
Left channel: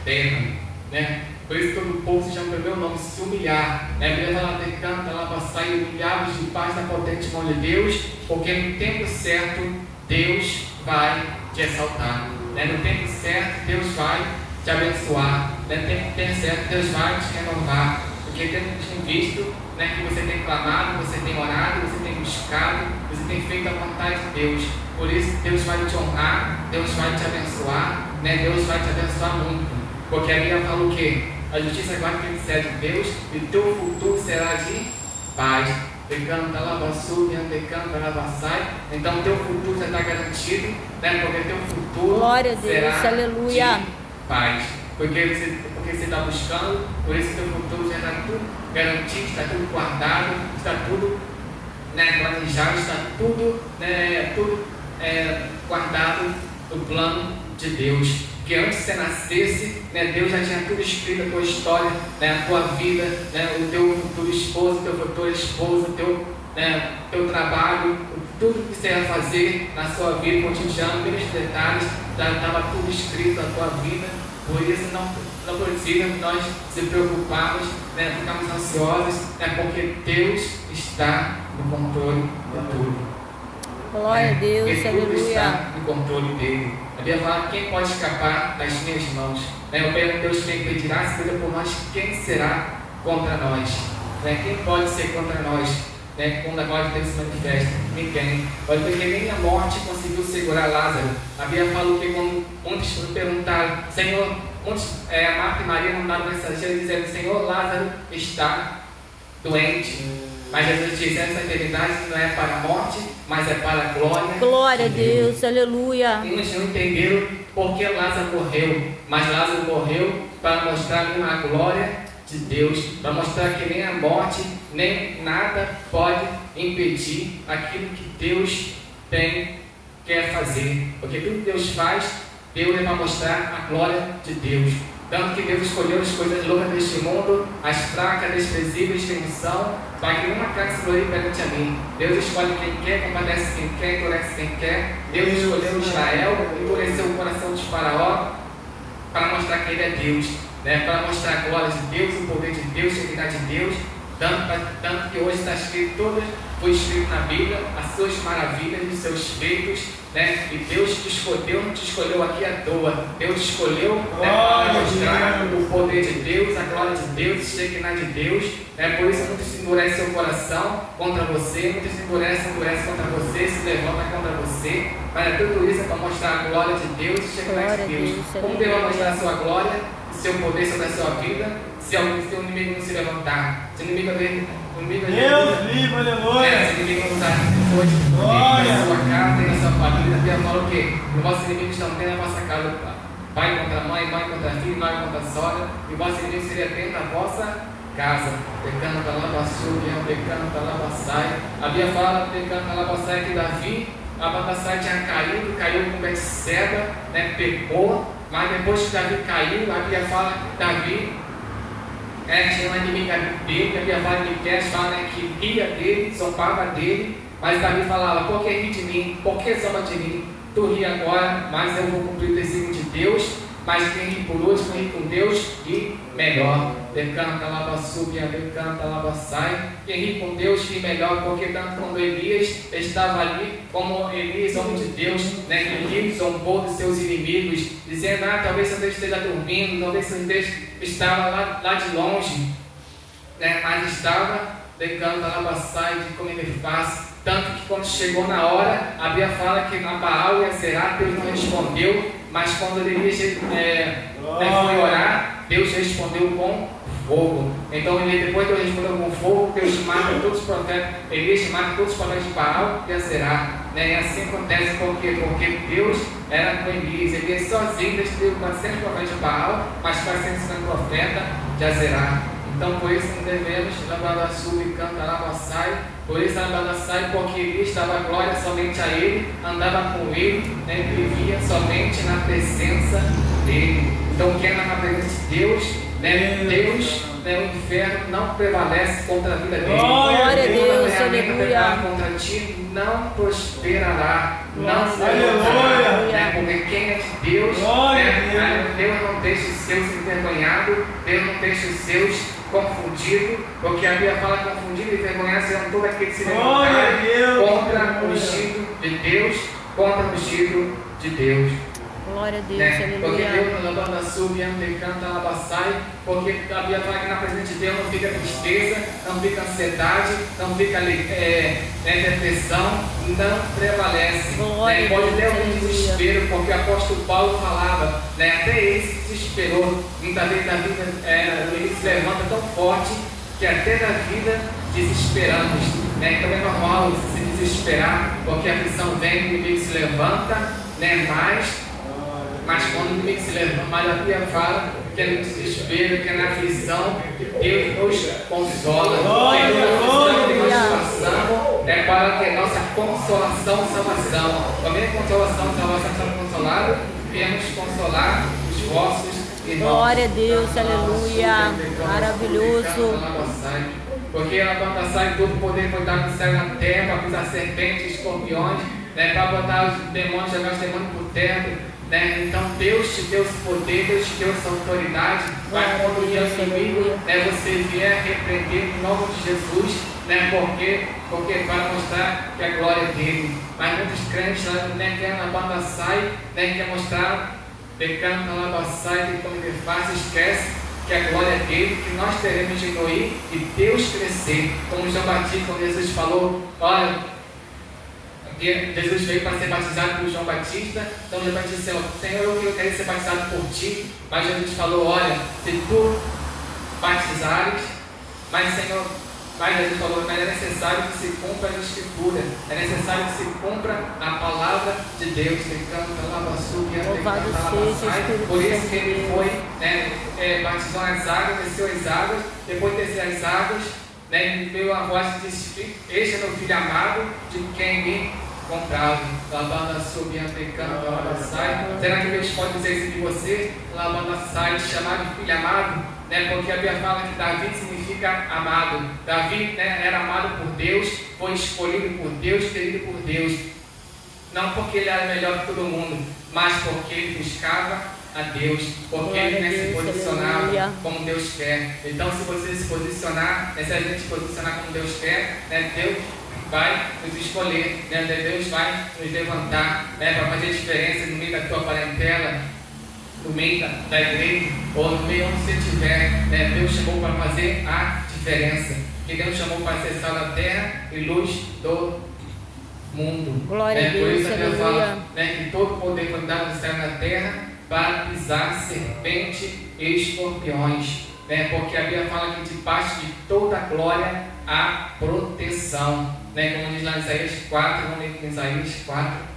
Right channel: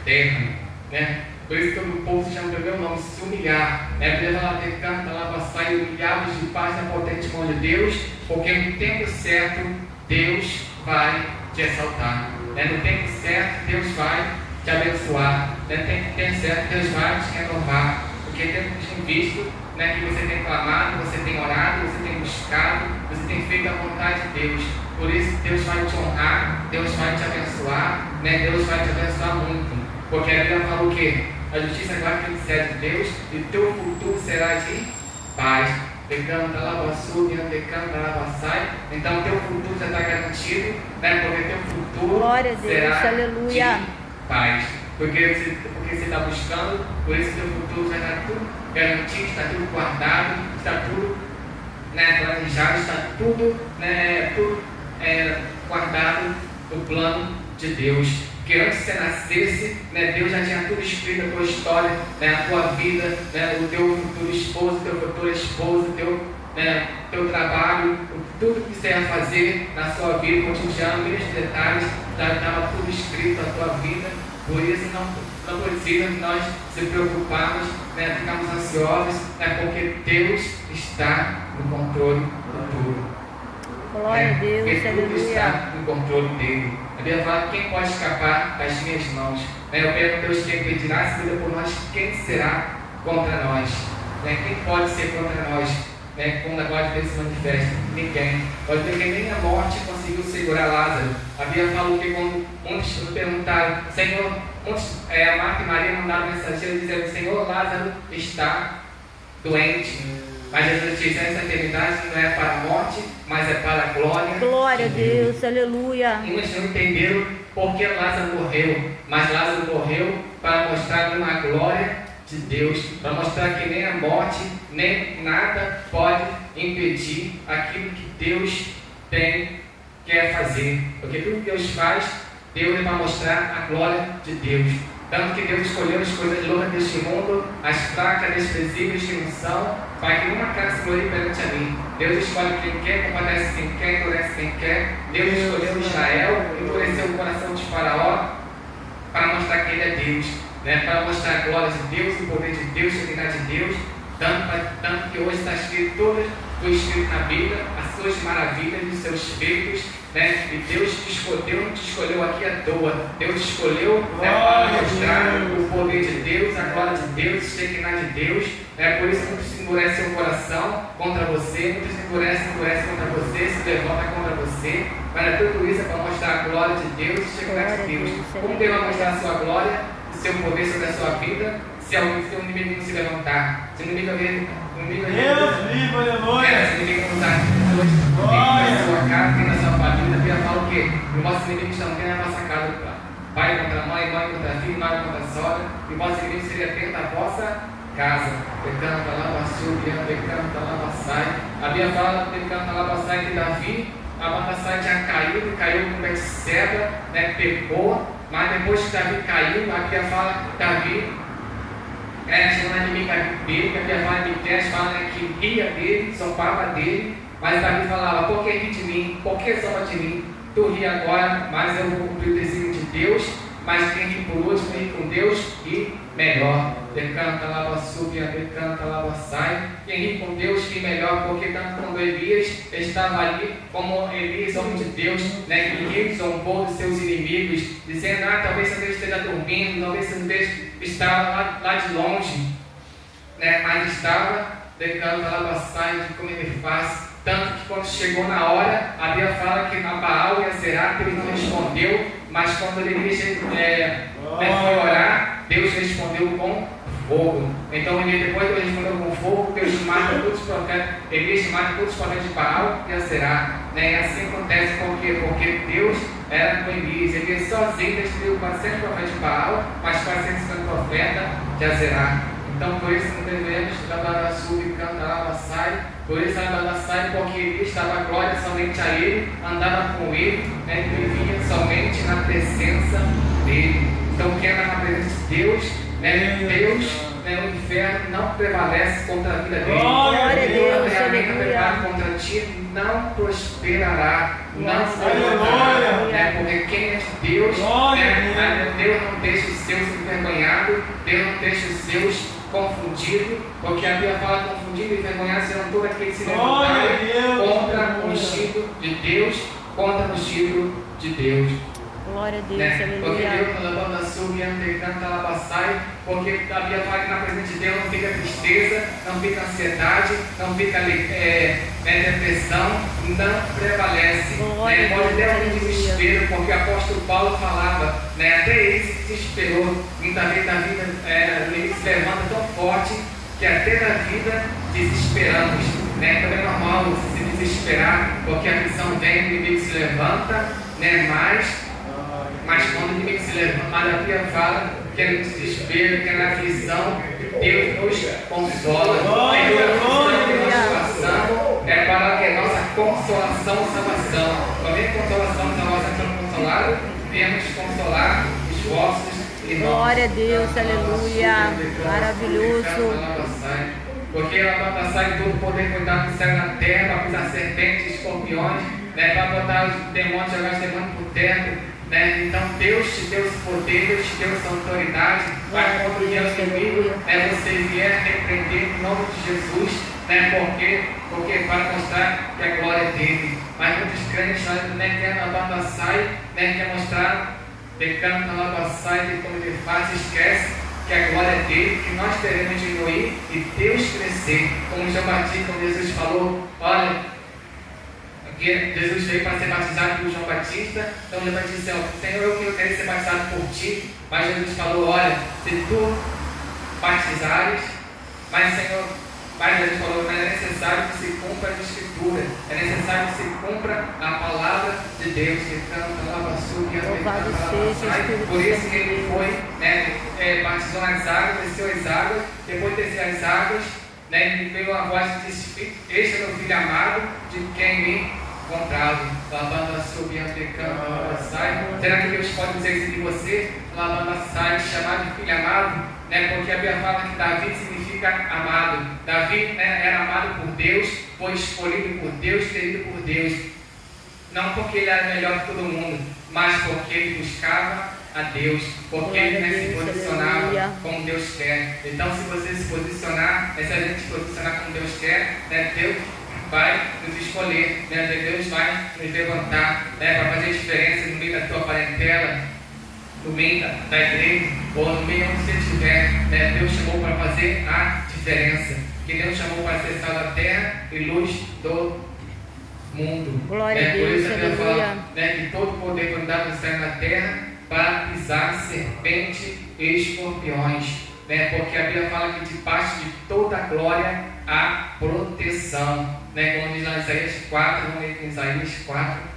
terra. Né? Por isso todo o povo se chama pelo meu nome, se humilhar, né? Leva lá pecando, lá passar e humilhados de paz na potente mão de Deus, porque no tempo certo Deus vai te exaltar. Né? No tempo certo Deus vai te abençoar. No tempo certo Deus vai te renovar. Porque temos visto, né, que você tem clamado, você tem orado, você tem buscado, você tem feito a vontade de Deus. Por isso Deus vai te honrar, Deus vai te abençoar, né? Deus vai te abençoar muito. Porque a Bíblia fala o quê? A justiça vai proceder de Deus e o teu futuro será de paz. Pecando, sai. Então o teu futuro já está garantido, né? Porque o teu futuro glória a Deus, será aleluia, de paz. Porque você está buscando, por isso que o futuro já está tudo garantido, está tudo guardado, está tudo, né, planejado, está tudo, né, guardado no plano de Deus. Porque antes de você nascesse, né, Deus já tinha tudo escrito, a tua história, né, a tua vida, né, o teu futuro esposo, o teu futuro esposa, teu trabalho, tudo que você ia fazer na sua vida, cotidiano, menos detalhes, já estava tudo escrito na tua vida. Por isso não precisa nós se preocuparmos, né, ficarmos ansiosos, né, porque Deus está no controle de tudo. glória a Deus, porque tudo aleluia, está no controle dele. A Bíblia fala quem pode escapar das minhas mãos. Né, eu pergunto Deus quem pedirá, se cuida por nós, quem será contra nós? Né, quem pode ser contra nós? Né, quando a glória de Deus se manifesta? Ninguém. Pode ver que nem a morte conseguiu segurar Lázaro. A Bíblia falou que quando muitos perguntaram, Senhor, Marta e Maria mandaram mensageiros dizendo, Senhor, Lázaro está doente. Mas Jesus disse, essa eternidade não é para a morte, mas é para a glória. Glória a Deus, aleluia. E eles não entenderam por que Lázaro morreu, mas Lázaro morreu para mostrar uma glória de Deus, para mostrar que nem a morte, nem nada pode impedir aquilo que Deus quer fazer. Porque tudo que Deus faz, Deus é para mostrar a glória de Deus. Tanto que Deus escolheu as coisas loucas deste mundo, as fracas, desprezíveis que não são, para que uma casa se glorie perante a mim. Deus escolhe quem quer, compadece quem quer, endurece quem quer. Deus escolheu Israel, endureceu o coração de Faraó, para mostrar que ele é Deus, né? Para mostrar a glória de Deus, o poder de Deus, a dignidade de Deus. Tanto que hoje está escrito foi escrito na Bíblia, as suas maravilhas e os seus feitos, né? E Deus te escolheu, não te escolheu aqui à toa. Deus te escolheu, né, para mostrar o poder de Deus, a glória de Deus, a dignidade de Deus. Né? Por isso muitos se endurecem o coração contra você, muitos se endurecem contra você, se levantam contra você. Mas tudo isso é para mostrar a glória de Deus, a dignidade de Deus. Como Deus vai mostrar a sua glória, o seu poder sobre a sua vida, se o inimigo não se levantar? Se o inimigo Deus vivo, aleluia. Se o inimigo não está na sua casa, tem na sua família, a Bíblia fala o quê? Os vossos inimigos não têm a vossa casa. Pai contra mãe, mãe contra filho, mãe contra sogra, e o vosso inimigo seria dentro da vossa casa. Pecando lá basúbia, pecando lá basai. A Bíblia fala pecando lá basai que Davi, a Babassai tinha caiu com Betseba, né, pecou, mas depois que Davi caiu, a Bíblia fala que Davi tinha uma inimiga dele, a Bíblia fala de Miqueias, fala, né, que ria dele, zombava dele, mas Davi falava, por que ri de mim? Por que zomba de mim? Tu ri agora, mas eu vou cumprir o desígnio de Deus, mas quem ri por último, ri com Deus e melhor. Decanta lá subia, decanta lá sai. Quem ri com Deus ri melhor, porque tanto quando Elias estava ali, como Elias, homem de Deus, né, que zombou dos seus inimigos, dizendo, talvez Deus esteja dormindo, talvez Deus estava lá de longe, né, mas estava decanta lá sai de como ele faz. Tanto que quando chegou na hora, a Bíblia fala que na Baal e a Serapis ele não respondeu, mas quando Elias foi orar, Deus respondeu com fogo. Então ele depois Deus respondeu com fogo, Deus mata todos os profetas, Elias mata todos os profetas de Baal e Aserá. Né? E assim acontece porque Deus era com Elias. Elias sozinho destruiu 400 profetas de Baal, mas 450 profetas de Aserá. Então por isso não devemos lavar sub, canta, lava, sai. Por isso lava, sai, porque Elias estava a glória somente a ele, andava com ele, né? Vivia somente na presença dele. Então quem anda na presença de Deus, né? Deus, né? O inferno não prevalece contra a vida dele. Glória a Deus, aleluia. Contra ti não prosperará. Não prosperará. Né? Porque quem é de Deus, né? Deus não deixa os seus envergonhados, Deus não deixa os seus confundidos, porque a Bíblia fala confundido e envergonhado serão todos aqueles que se levantarem contra o ungido de Deus, contra o ungido de Deus. Glória a Deus, Né? Porque aleluia. Deus não levanta a sua e canta alabaçai, porque a Bíblia fala que na presença de Deus não fica tristeza, não fica ansiedade, não fica depressão, não prevalece. Glória Né? Pode a Deus, ter um aleluia. desespero, porque o apóstolo Paulo falava, né? Até ele se desesperou, muitas vezes na vida ele se levanta tão forte que até na vida desesperamos. Né? Então é normal se desesperar, porque a aflição vem, o inimigo se levanta, né? Mas quando o inimigo se levanta, a Bíblia fala que é no desespero, que é na aflição, Deus nos consola. É para que a nossa consolação e salvação, também consolação e salvação são consolados, viemos consolar os vossos irmãos. Glória a Deus, aleluia. Maravilhoso. Porque ela vai passar e todo o poder foi dado no céu e na terra para pisar serpentes e escorpiões, né, para botar os demônios, jogar os demônios por terra. Né? Então Deus te deu esse poder, Deus te deu essa autoridade. Mas quando o inimigo você vier repreender em nome de Jesus, né? Porque para mostrar que a glória é dele. Mas muitos crentes querem na banda sai, quer mostrar pecando na lava sai, que como ele faz, esquece que a glória é dele, que nós teremos diminuir e Deus crescer. Como João Batista, como Jesus falou, olha, Jesus veio para ser batizado por João Batista. Então João Batista disse, Senhor, eu quero ser batizado por ti. Mas Jesus falou, olha, se tu batizares, mas Jesus falou, mas é necessário que se cumpra a Escritura, é necessário que se cumpra a palavra de Deus. Louvado seja o Espírito por isso Santo que de ele Deus. foi, batizou nas águas, desceu as águas, depois de descer as águas, ele veio uma voz que disse, este é meu filho amado, de quem me comprado, lavando subindo, pecando, lavando sai. Será que Deus pode dizer isso de você? Lavando sai, chamar de filho amado, né? Porque a Bíblia fala que Davi significa amado. Davi, né, era amado por Deus, foi escolhido por Deus, querido por Deus. Não porque ele era melhor que todo mundo, mas porque ele buscava a Deus, porque ele se posicionava como Deus quer. Então, se você se posicionar, se a gente se posicionar como Deus quer, né, Deus vai nos escolher, né? Deus vai nos levantar, né? Para fazer diferença no meio da tua parentela, no meio da igreja, ou no meio onde você estiver, né? Deus chamou para fazer a diferença, que Deus chamou para ser sal da terra e luz do mundo. Glória a Deus, aleluia. Né? Que todo poder foi dado no céu e na terra para pisar serpente e escorpiões, né? Porque a Bíblia fala que debaixo de toda a glória há proteção, né? Como diz lá em Isaías 4, vamos ler em Isaías 4.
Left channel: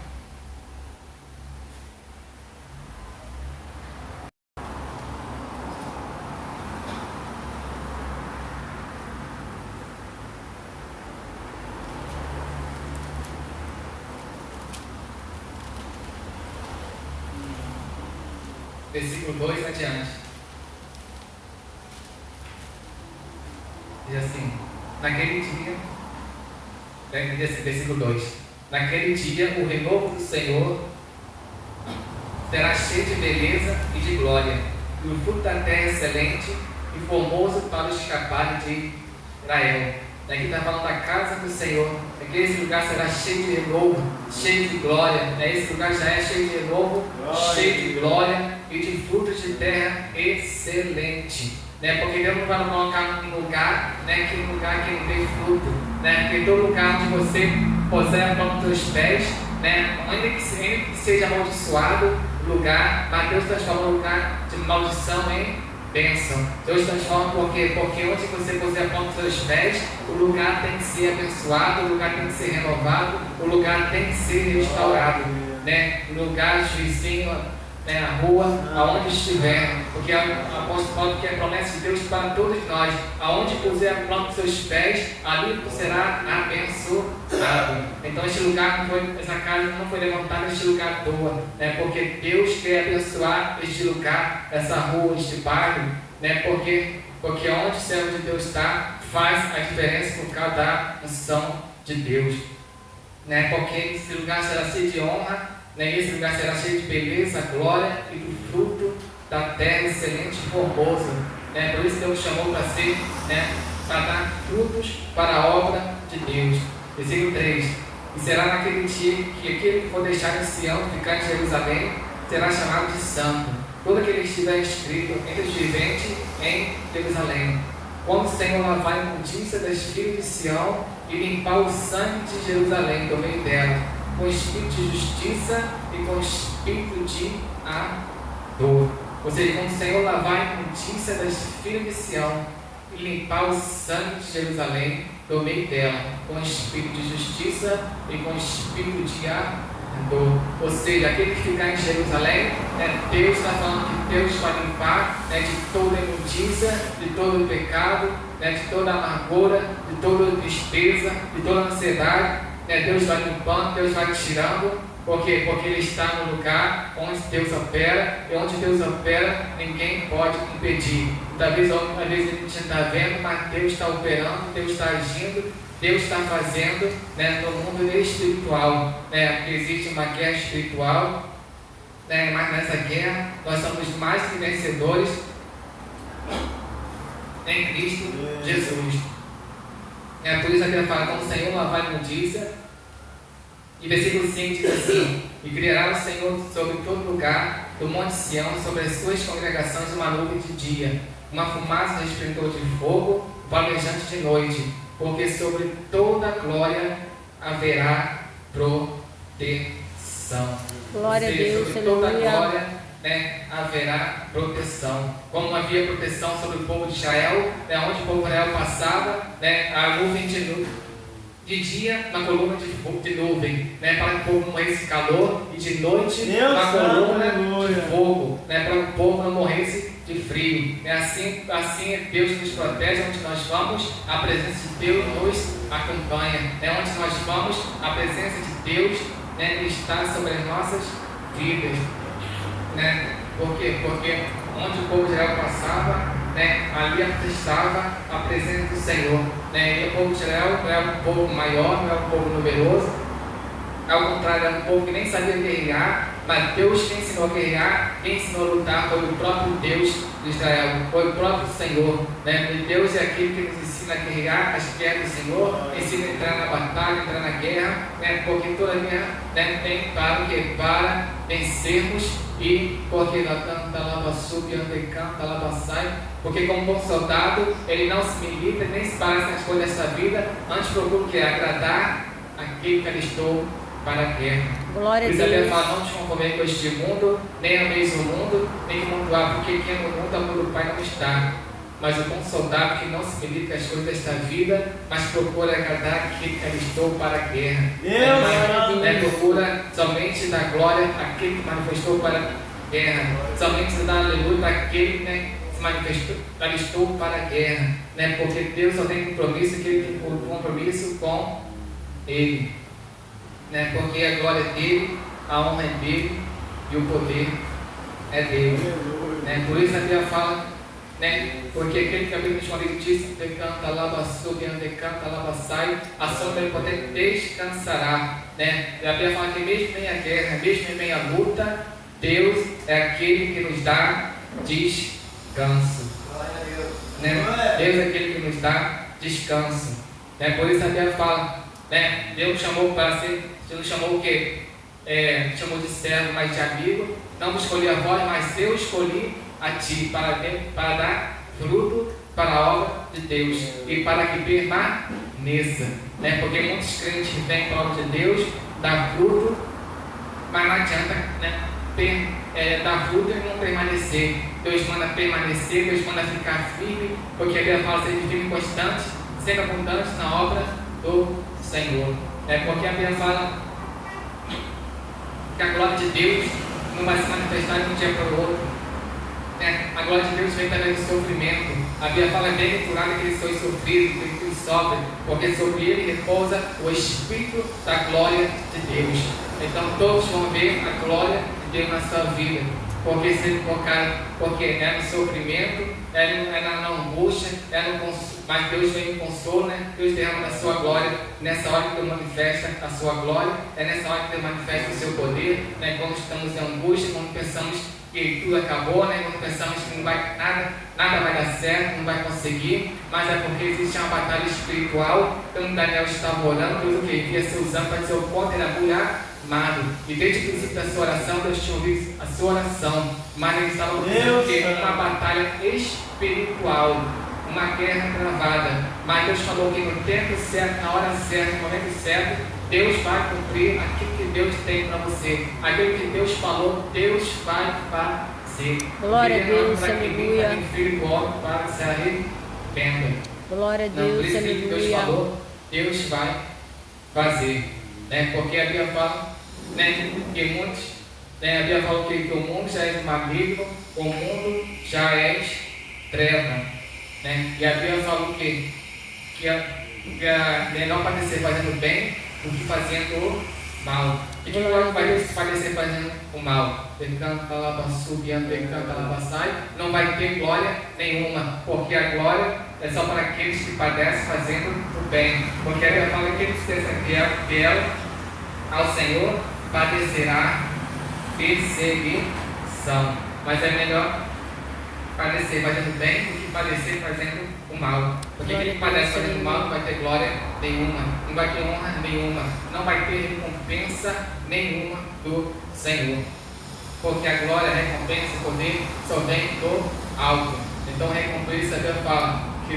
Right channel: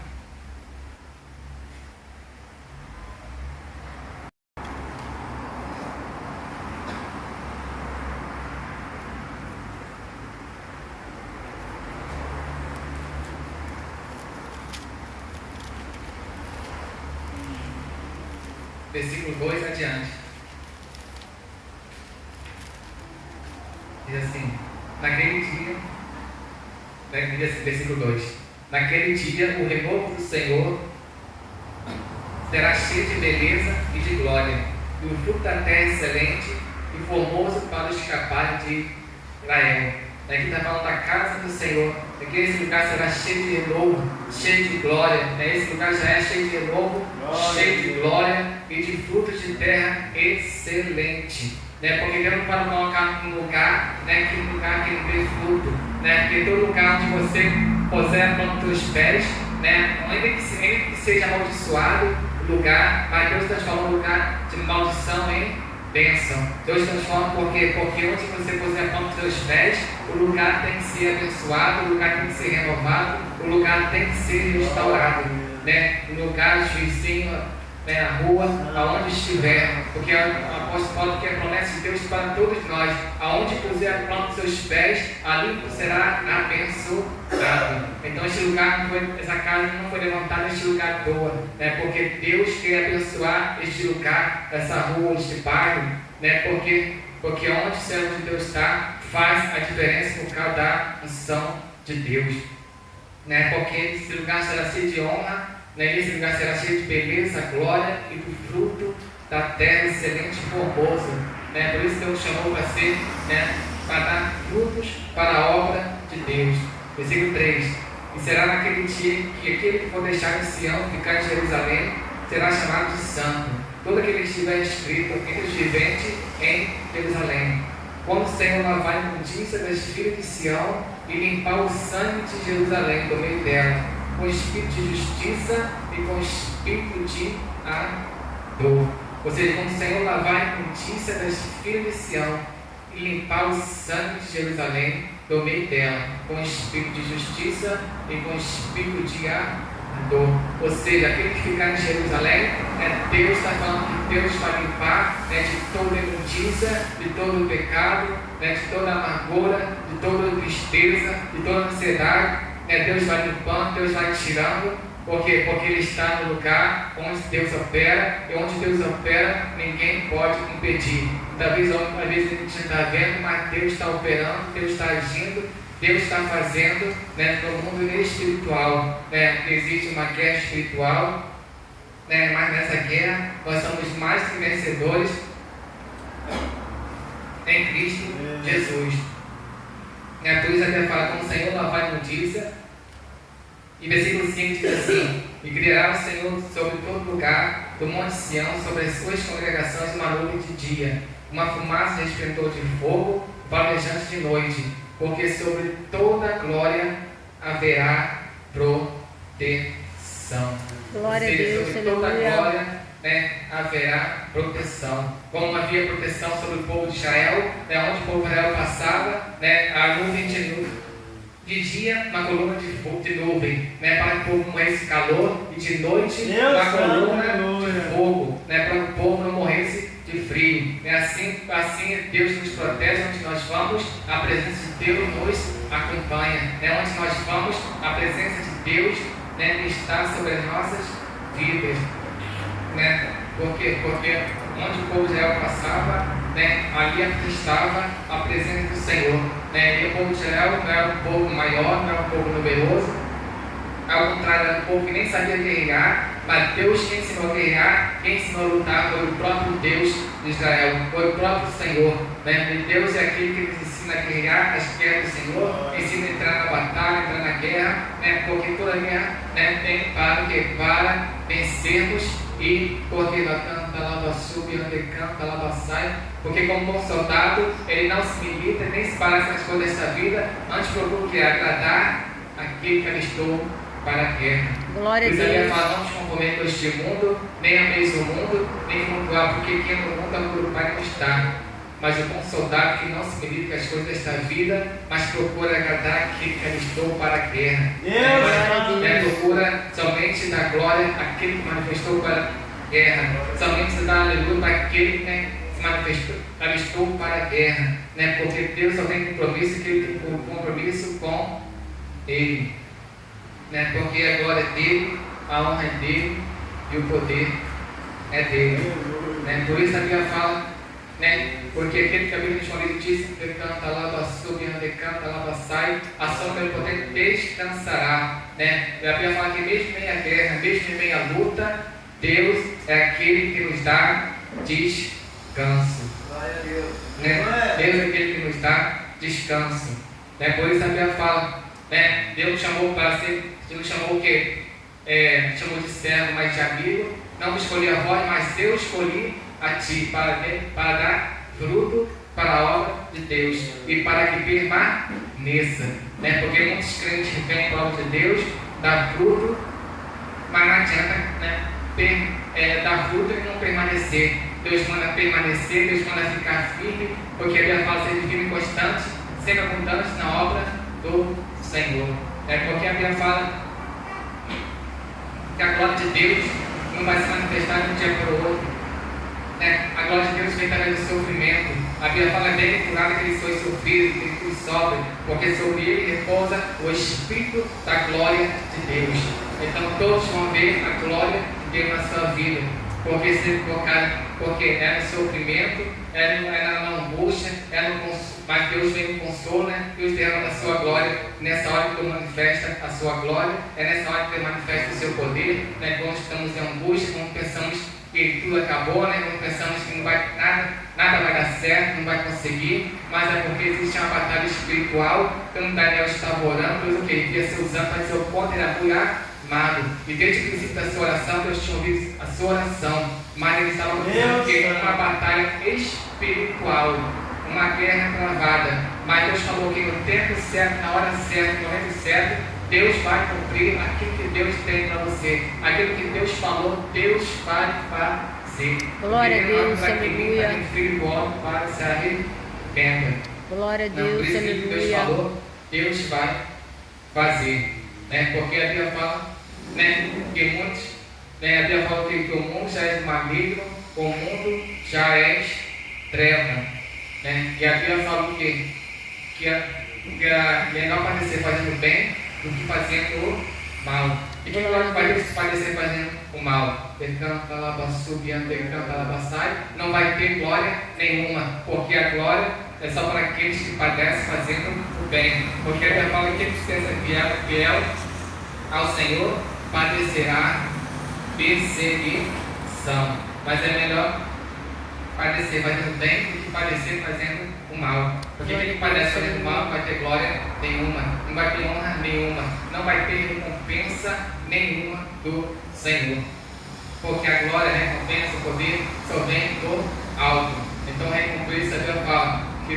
Versículo 2 adiante. Diz assim, naquele dia, versículo 2: naquele dia o renovo do Senhor será cheio de beleza e de glória, e o fruto da terra excelente e formoso para o escapar de Israel. Aqui está falando da casa do Senhor, que esse lugar será cheio de renovo, cheio de glória. Esse lugar já é cheio de renovo, cheio de glória e de frutos de terra excelente. Porque Deus não vai colocar um lugar, que um lugar que não dê fruto, porque todo lugar onde você puser a mão dos teus pés, ainda que seja amaldiçoado o lugar, mas Deus transforma um lugar de maldição em bênção. Deus transforma porque onde você puser a planta dos seus pés, o lugar tem que ser abençoado, o lugar tem que ser renovado, o lugar tem que ser restaurado, né? O lugar, o vizinho, né, a rua, aonde estiver, porque o apóstolo Paulo quer a promessa de Deus para todos nós: aonde puser a planta dos seus pés, ali será abençoado. Então essa casa não foi levantada neste lugar à toa, né, porque Deus quer abençoar este lugar, essa rua, este bairro, né, porque onde o servo de Deus está, faz a diferença por causa da unção de Deus, né, porque esse lugar será cheio de honra, né, esse lugar será cheio de beleza, glória e do fruto da terra excelente e formoso, né, por isso Deus chamou para ser, né, para dar frutos para a obra de Deus. Versículo 3: e será naquele dia que aquele que for deixar em Sião, ficar em Jerusalém, será chamado de santo, todo aquele que estiver escrito entre os viventes em Jerusalém. Quando o Senhor lavar a imundícia das filhas de Sião e limpar o sangue de Jerusalém do meio dela, com espírito de justiça e com espírito de dor. Ou seja, quando o Senhor lavar a imundícia das filhas de Sião e limpar o sangue de Jerusalém do meio dela, com espírito de justiça e com espírito de dor. Ou seja, aquele que ficar em Jerusalém, Deus está falando que Deus vai limpar, de toda a imundícia, de todo o pecado, de toda a amargura, de toda a tristeza, de toda a ansiedade. Deus vai limpando, Deus vai tirando, porque Ele está no lugar onde Deus opera, e onde Deus opera, ninguém pode impedir. Talvez alguma vez a gente está vendo, mas Deus está operando, Deus está agindo, Deus está fazendo, no mundo espiritual, porque existe uma guerra espiritual, mas nessa guerra nós somos mais que vencedores em Cristo Jesus. Por isso até fala: como o Senhor lavar a imundícia. E versículo 5 diz assim: e criará o Senhor sobre todo lugar do monte Sião, sobre as suas congregações, uma nuvem de dia, uma fumaça de esplendor de fogo, valejante de noite, porque sobre toda a glória haverá proteção. Glória a Deus, sobre toda a glória, haverá proteção. Como havia proteção sobre o povo de Israel, onde o povo de Israel passava, a nuvem de dia, uma coluna de nuvem, para que o povo morresse calor, e de noite, uma coluna de fogo, para que o povo não morresse de frio. Assim Deus nos protege. Onde nós vamos, a presença de Deus nos acompanha. Onde nós vamos, a presença de Deus está sobre as nossas vidas. Porque onde o povo de Israel passava, ali estava a presença do Senhor. E o povo de Israel não era um povo maior, não era um povo numeroso, ao contrário, era um povo que nem sabia guerrear, mas Deus que ensinou a guerrear, quem ensinou a lutar foi o próprio Deus de Israel, foi o próprio Senhor. E Deus é aquele que nos ensina a guerrear as guerras do Senhor, ensina a entrar na batalha, entrar na guerra, porque toda guerra tem para vencermos. E porque porque como bom soldado, ele não se milita, nem se para nas coisas desta vida, antes procura que agradar aquele que alistou para a guerra. Glória a Deus. Isaías fala: não te conformei com este mundo, nem ameis o mundo, nem o mundo há, porque quem no mundo amor o Pai não está. Mas o bom soldado que não se milita com as coisas desta vida, mas procura agradar aquele que alistou para a guerra. Procura somente dar glória àquele que manifestou para a guerra, somente dar aleluia para aquele que se manifestou, alistou para a guerra, porque Deus só tem compromisso, que ele tem compromisso com Ele, porque a glória é dele, a honra é dele e o poder é dele. Por isso a Bíblia fala, porque aquele que habita com ele disse que canta lá, sube, ande, canta lá, sai, a sombra do poder descansará. E a Bíblia fala que mesmo em a guerra, mesmo em a luta, Deus é aquele que nos dá descanso. Deus é aquele que nos dá descanso. Por isso a Bíblia fala, Deus chamou para ser, Deus chamou o quê? Chamou de servo, mas de amigo. Não me escolhi a vós, mas eu escolhi a ti para dar fruto para a obra de Deus e para que permaneça, porque muitos crentes vêm para a obra de Deus, dá fruto, mas não adianta, dar fruto e não permanecer. Deus manda permanecer, Deus manda ficar firme, porque Ele fala ser firme e constante, sempre abundante na obra do Senhor. Porque a Bíblia fala que a glória de Deus não vai se manifestar de um dia para o outro. A glória de Deus vem através do sofrimento. A Bíblia fala dele por nada que ele foi sofrido, que ele sofre, porque sobre ele repousa o Espírito da glória de Deus. Então todos vão ver a glória de Deus na sua vida, porque é no sofrimento, é na angústia, mas Deus vem no consolo, Deus derrama a sua glória. Nessa hora que Deus manifesta a sua glória, é nessa hora que Deus manifesta o seu poder, quando estamos em angústia, quando pensamos que tudo acabou, quando pensamos que nada vai dar certo, não vai conseguir, mas é porque existe uma batalha espiritual. Então Daniel estava orando, Deus o que? Ele ia ser usando para dizer o ponto era amado. E desde o princípio da sua oração, Deus tinha ouvido a sua oração, mas ele estava dizendo que uma batalha espiritual, uma guerra travada. Mas Deus falou que no tempo certo, na hora certa, no momento certo, Deus vai cumprir aquilo que Deus tem para você. Aquilo que Deus falou, Deus vai fazer. Glória a Deus, aleluia. Para se arrependa. Glória a Deus, aleluia. Deus falou, Deus vai fazer. Porque a Bíblia fala que muitos, a Bíblia fala que o mundo já é maligno, o mundo já é treva. E a Bíblia fala que é melhor padecer fazendo bem do que fazendo o mal. E que vai padecer fazendo o mal? Não vai ter glória nenhuma, porque a glória é só para aqueles que padecem fazendo o bem. Porque a Bíblia fala que aquele que seja fiel ao Senhor padecerá perseguição. Mas é melhor padecer fazendo bem do que padecer fazendo o mal. Porque quem padece fazendo o mal não vai ter glória nenhuma, não vai ter honra nenhuma, não vai ter recompensa nenhuma do Senhor. Porque a glória, a recompensa, o poder só vem do alto. Então a recompensa, Deus fala que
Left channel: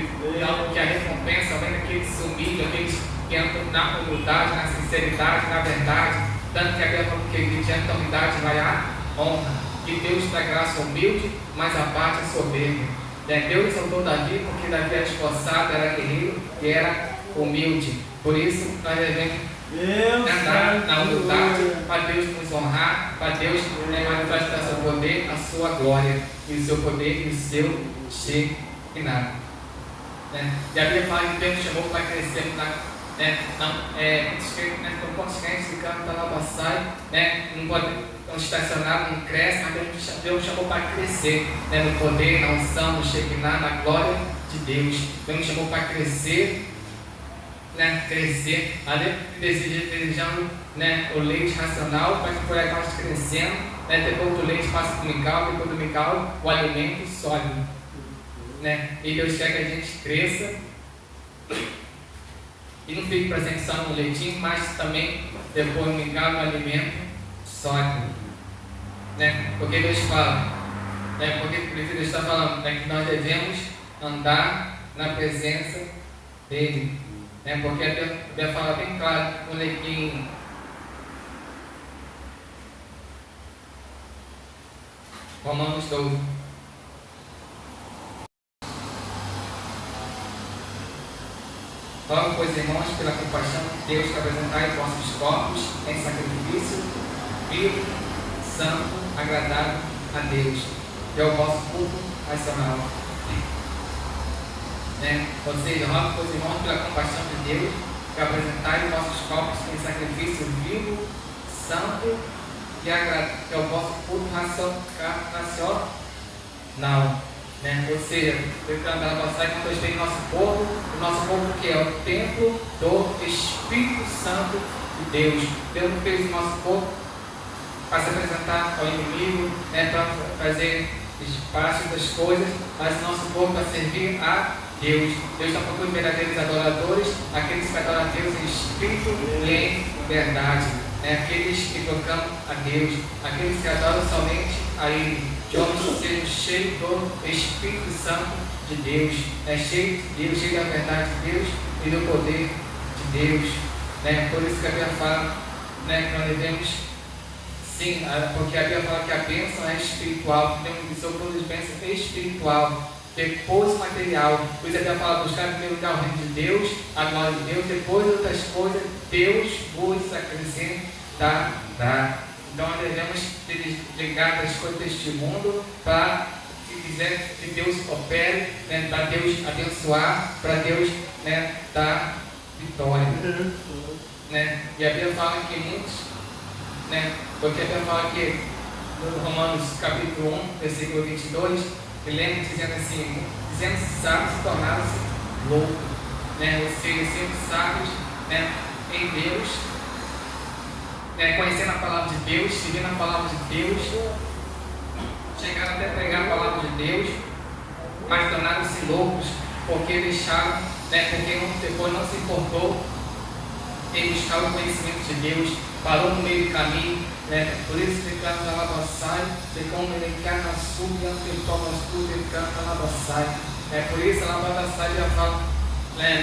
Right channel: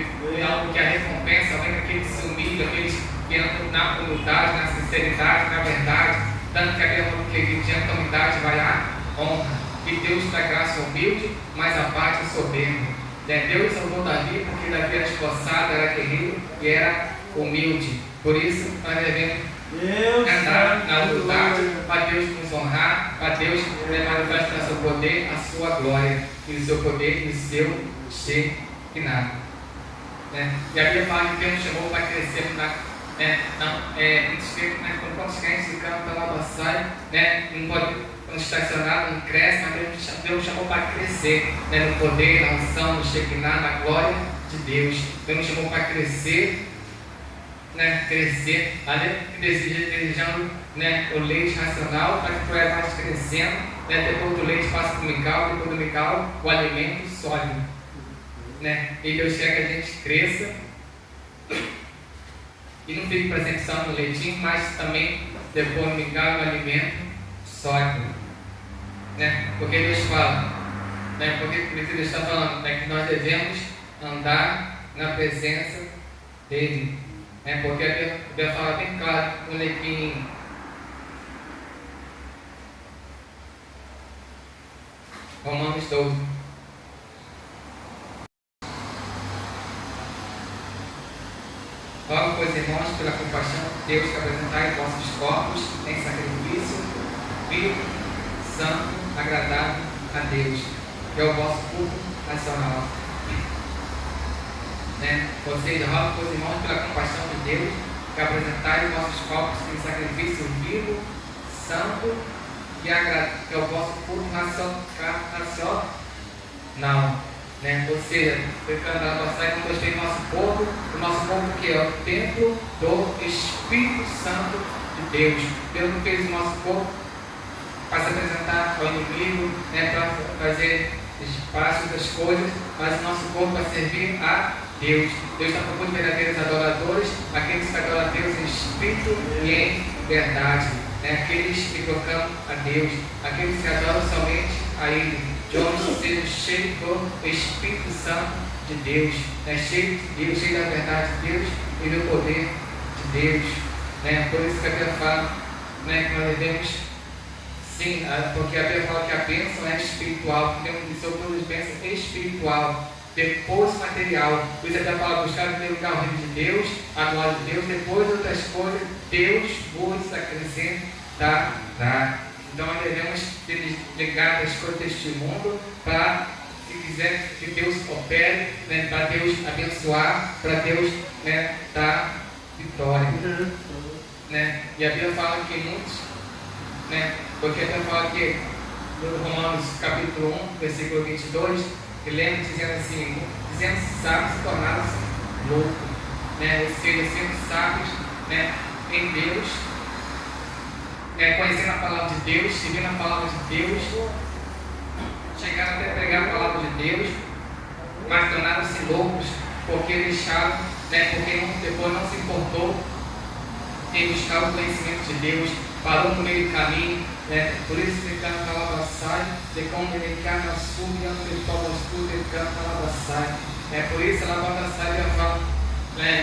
a recompensa vem daqueles que se humilham, aqueles que andam na humildade, na sinceridade, na verdade. Tanto que a Bíblia fala que diante da humildade vai a honra. Que Deus dá graça humilde, mas abate o soberbo. Deus salvou Davi porque Davi era esforçado, era guerreiro e era humilde. Por isso nós devemos andar na humildade para Deus nos honrar, para Deus manifestar o seu poder, a sua glória e o seu poder e o seu Shekinah. E a Bíblia fala que Deus chamou para crescer quantos crentes ficam para lá passar, não pode estacionar, não cresce, mas Deus chamou para crescer, no poder, na unção, no Shekinah, na glória de Deus. Deus chamou para crescer, crescer, desejando o leite racional para que vamos crescendo, depois do leite passa para o mical, depois do mical o alimento sólido. E Deus quer que a gente cresça e não fique presente só no leitinho, mas também depois no mical, no alimento sólido. Porque Deus fala, porque Deus está falando que nós devemos andar na presença dele. Porque a Bíblia fala bem claro em Romanos 12. Logo, pois, irmãos, pela compaixão de Deus, que apresentai vossos corpos em sacrifício vivo, santo, agradável a Deus, que é o vosso culto racional. Ou seja, rogo, pois, irmãos, pela compaixão de Deus, que apresentai vossos corpos em sacrifício vivo, santo, que é o vosso culto racional. Ou seja, nós temos o nosso corpo que é o templo do Espírito Santo de Deus. Deus não fez o nosso corpo para se apresentar ao inimigo, para fazer espaço das coisas, mas o nosso corpo para servir a Deus. Deus está procurando verdadeiros adoradores, aqueles que adoram a Deus em espírito e em verdade. Aqueles que proclamam a Deus, aqueles que adoram somente a Ele. Vamos ser cheios do Espírito Santo de Deus, cheio de Deus, cheio da verdade de Deus e do poder de Deus. Por isso que a Bíblia fala que nós devemos, sim, porque a Bíblia fala que espiritual, porque o Senhor produz bênção espiritual, depois material. Por isso a palavra buscar em primeiro lugar o reino de Deus, a glória de Deus, depois outras coisas, Deus vos acrescentará. Então nós devemos ligar as coisas deste mundo para, se quiser que Deus opere, né, para Deus abençoar, para Deus, né, dar vitória. Né? E a Bíblia fala que muitos, né, porque a Bíblia fala que no Romanos capítulo 1, versículo 22, ele lembra dizendo assim, dizendo sábios se tornaram-se loucos, né? Ou seja, sendo sábios, né, em Deus, conhecendo a palavra de Deus, seguindo a palavra de Deus, chegaram até a pregar a palavra de Deus, mas tornaram-se loucos, porque deixaram, né, porque depois não se importou em buscar o conhecimento de Deus, parou no meio do caminho, né? Por isso que canta na lavaçai, de como ele canta na súbia, de como ele canta na lavaçai. Por isso a lavaçai já fala,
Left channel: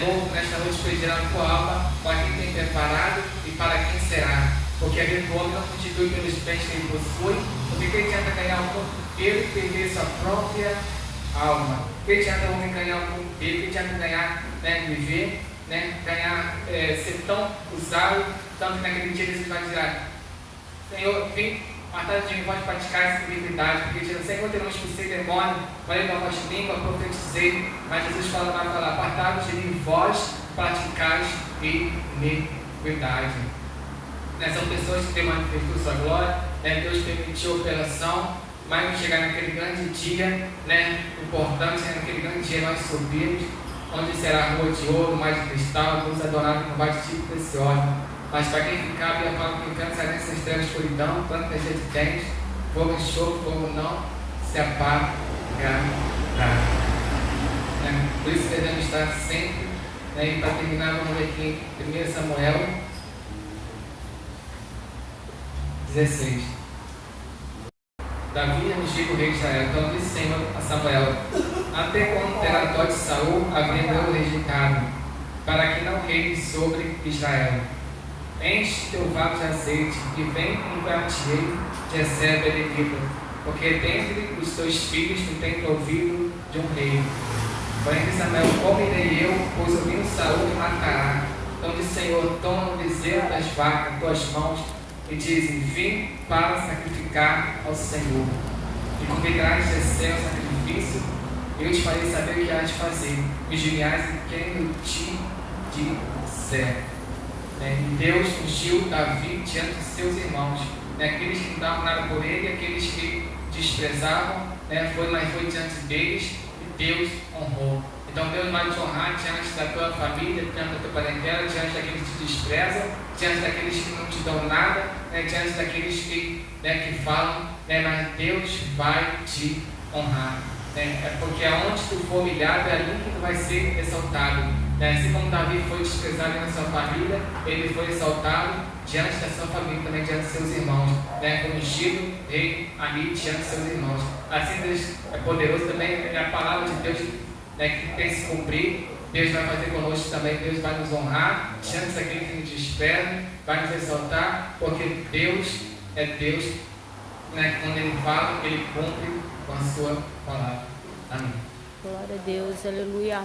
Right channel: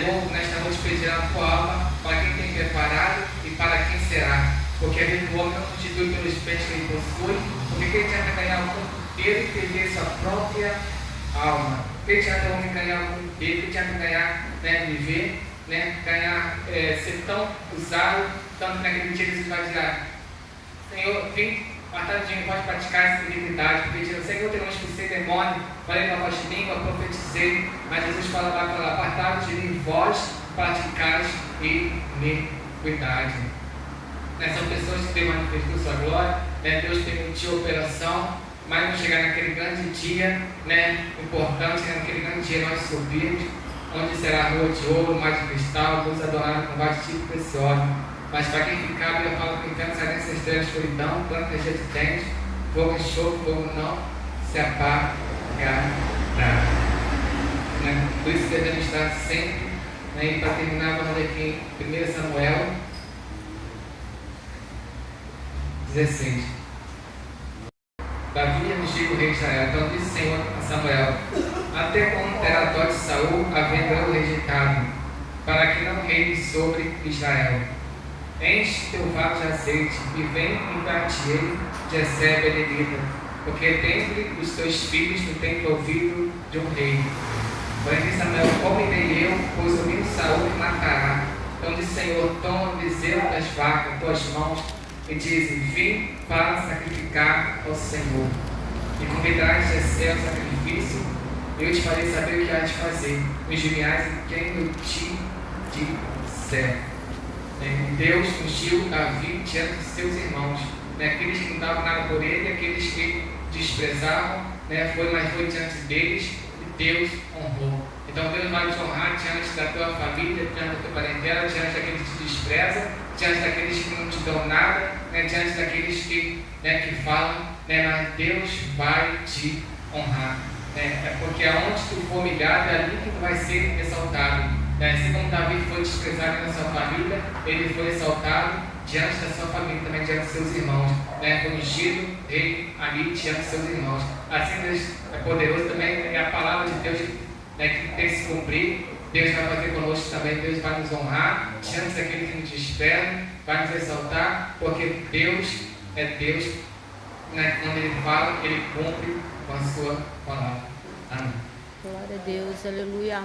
louco, nesta noite pedirá a tua alma para quem tem preparado e para quem será. Porque a vida do homem não constitui pelos bens que ele possui, porque quem tenta ganhar o mundo inteiro e perder sua própria alma. Quem tenta o homem ganhar o mundo inteiro, quem tenta ganhar, né, viver, né, ganhar, ser tão usado, tanto que naquele dia ele vai dizer, Senhor, vem, matado de mim, pode praticar essa fidelidade, porque diz, Senhor, eu não expulsei demônio, falei com a voz língua, profetizei, mas Jesus fala, apartados de mim, vós praticais iniquidade. São pessoas que têm manifestou sua glória, né? Deus permitiu a operação, mas não chegar naquele grande dia, né? Importante, naquele grande dia nós subimos, onde será a rua de ouro, mais de cristal, luz adorada com vários tipos preciosos. Mas para quem ficar, a Bíblia fala que o inferno será nessas trevas de escuridão, planta cheia de dentes, fogo e enxofre, fogo não se apagará. Né? Por isso devemos estar sempre, né? E para terminar, vamos ver aqui em 1 Samuel 16. Davi ungiu o rei de Israel. Então disse o Senhor a Samuel: até quando terá a dó de Saul, havendo o rejeitado, para que não reine sobre Israel? Enche teu vaso de azeite e vem engateei de recebe a Benedita, porque dentre os teus filhos tu tens ouvido de um rei. Porém disse Samuel: como irei eu, pois ouvindo Saul me matará? Então disse o Senhor: toma o bezerro das vacas em tuas mãos e dizem: vim para sacrificar ao Senhor. E convidarás de ser o sacrifício, eu te farei saber o que há de fazer. Vigiarás em quem eu te disser. E Deus ungiu Davi diante de seus irmãos, aqueles que não davam nada por ele, aqueles que desprezavam, foi diante deles e Deus honrou. Então Deus vai te honrar diante da tua família, diante da tua parentela, diante daqueles que te desprezam, diante daqueles que não te dão nada, diante daqueles que falam, mas Deus vai te honrar. Porque aonde tu for humilhado, é ali que tu vai ser exaltado. Assim como Davi foi desprezado na sua família, ele foi exaltado diante da sua família, também diante de seus irmãos. Foi ungido rei ali diante de seus irmãos. Assim Deus é poderoso também, é a palavra de Deus que tem se cumprir. Deus vai fazer conosco também, Deus vai nos honrar diante daquele que nos espera, vai nos exaltar, porque Deus é Deus, quando Ele fala, Ele cumpre com a sua palavra. Amém. Glória a Deus, aleluia.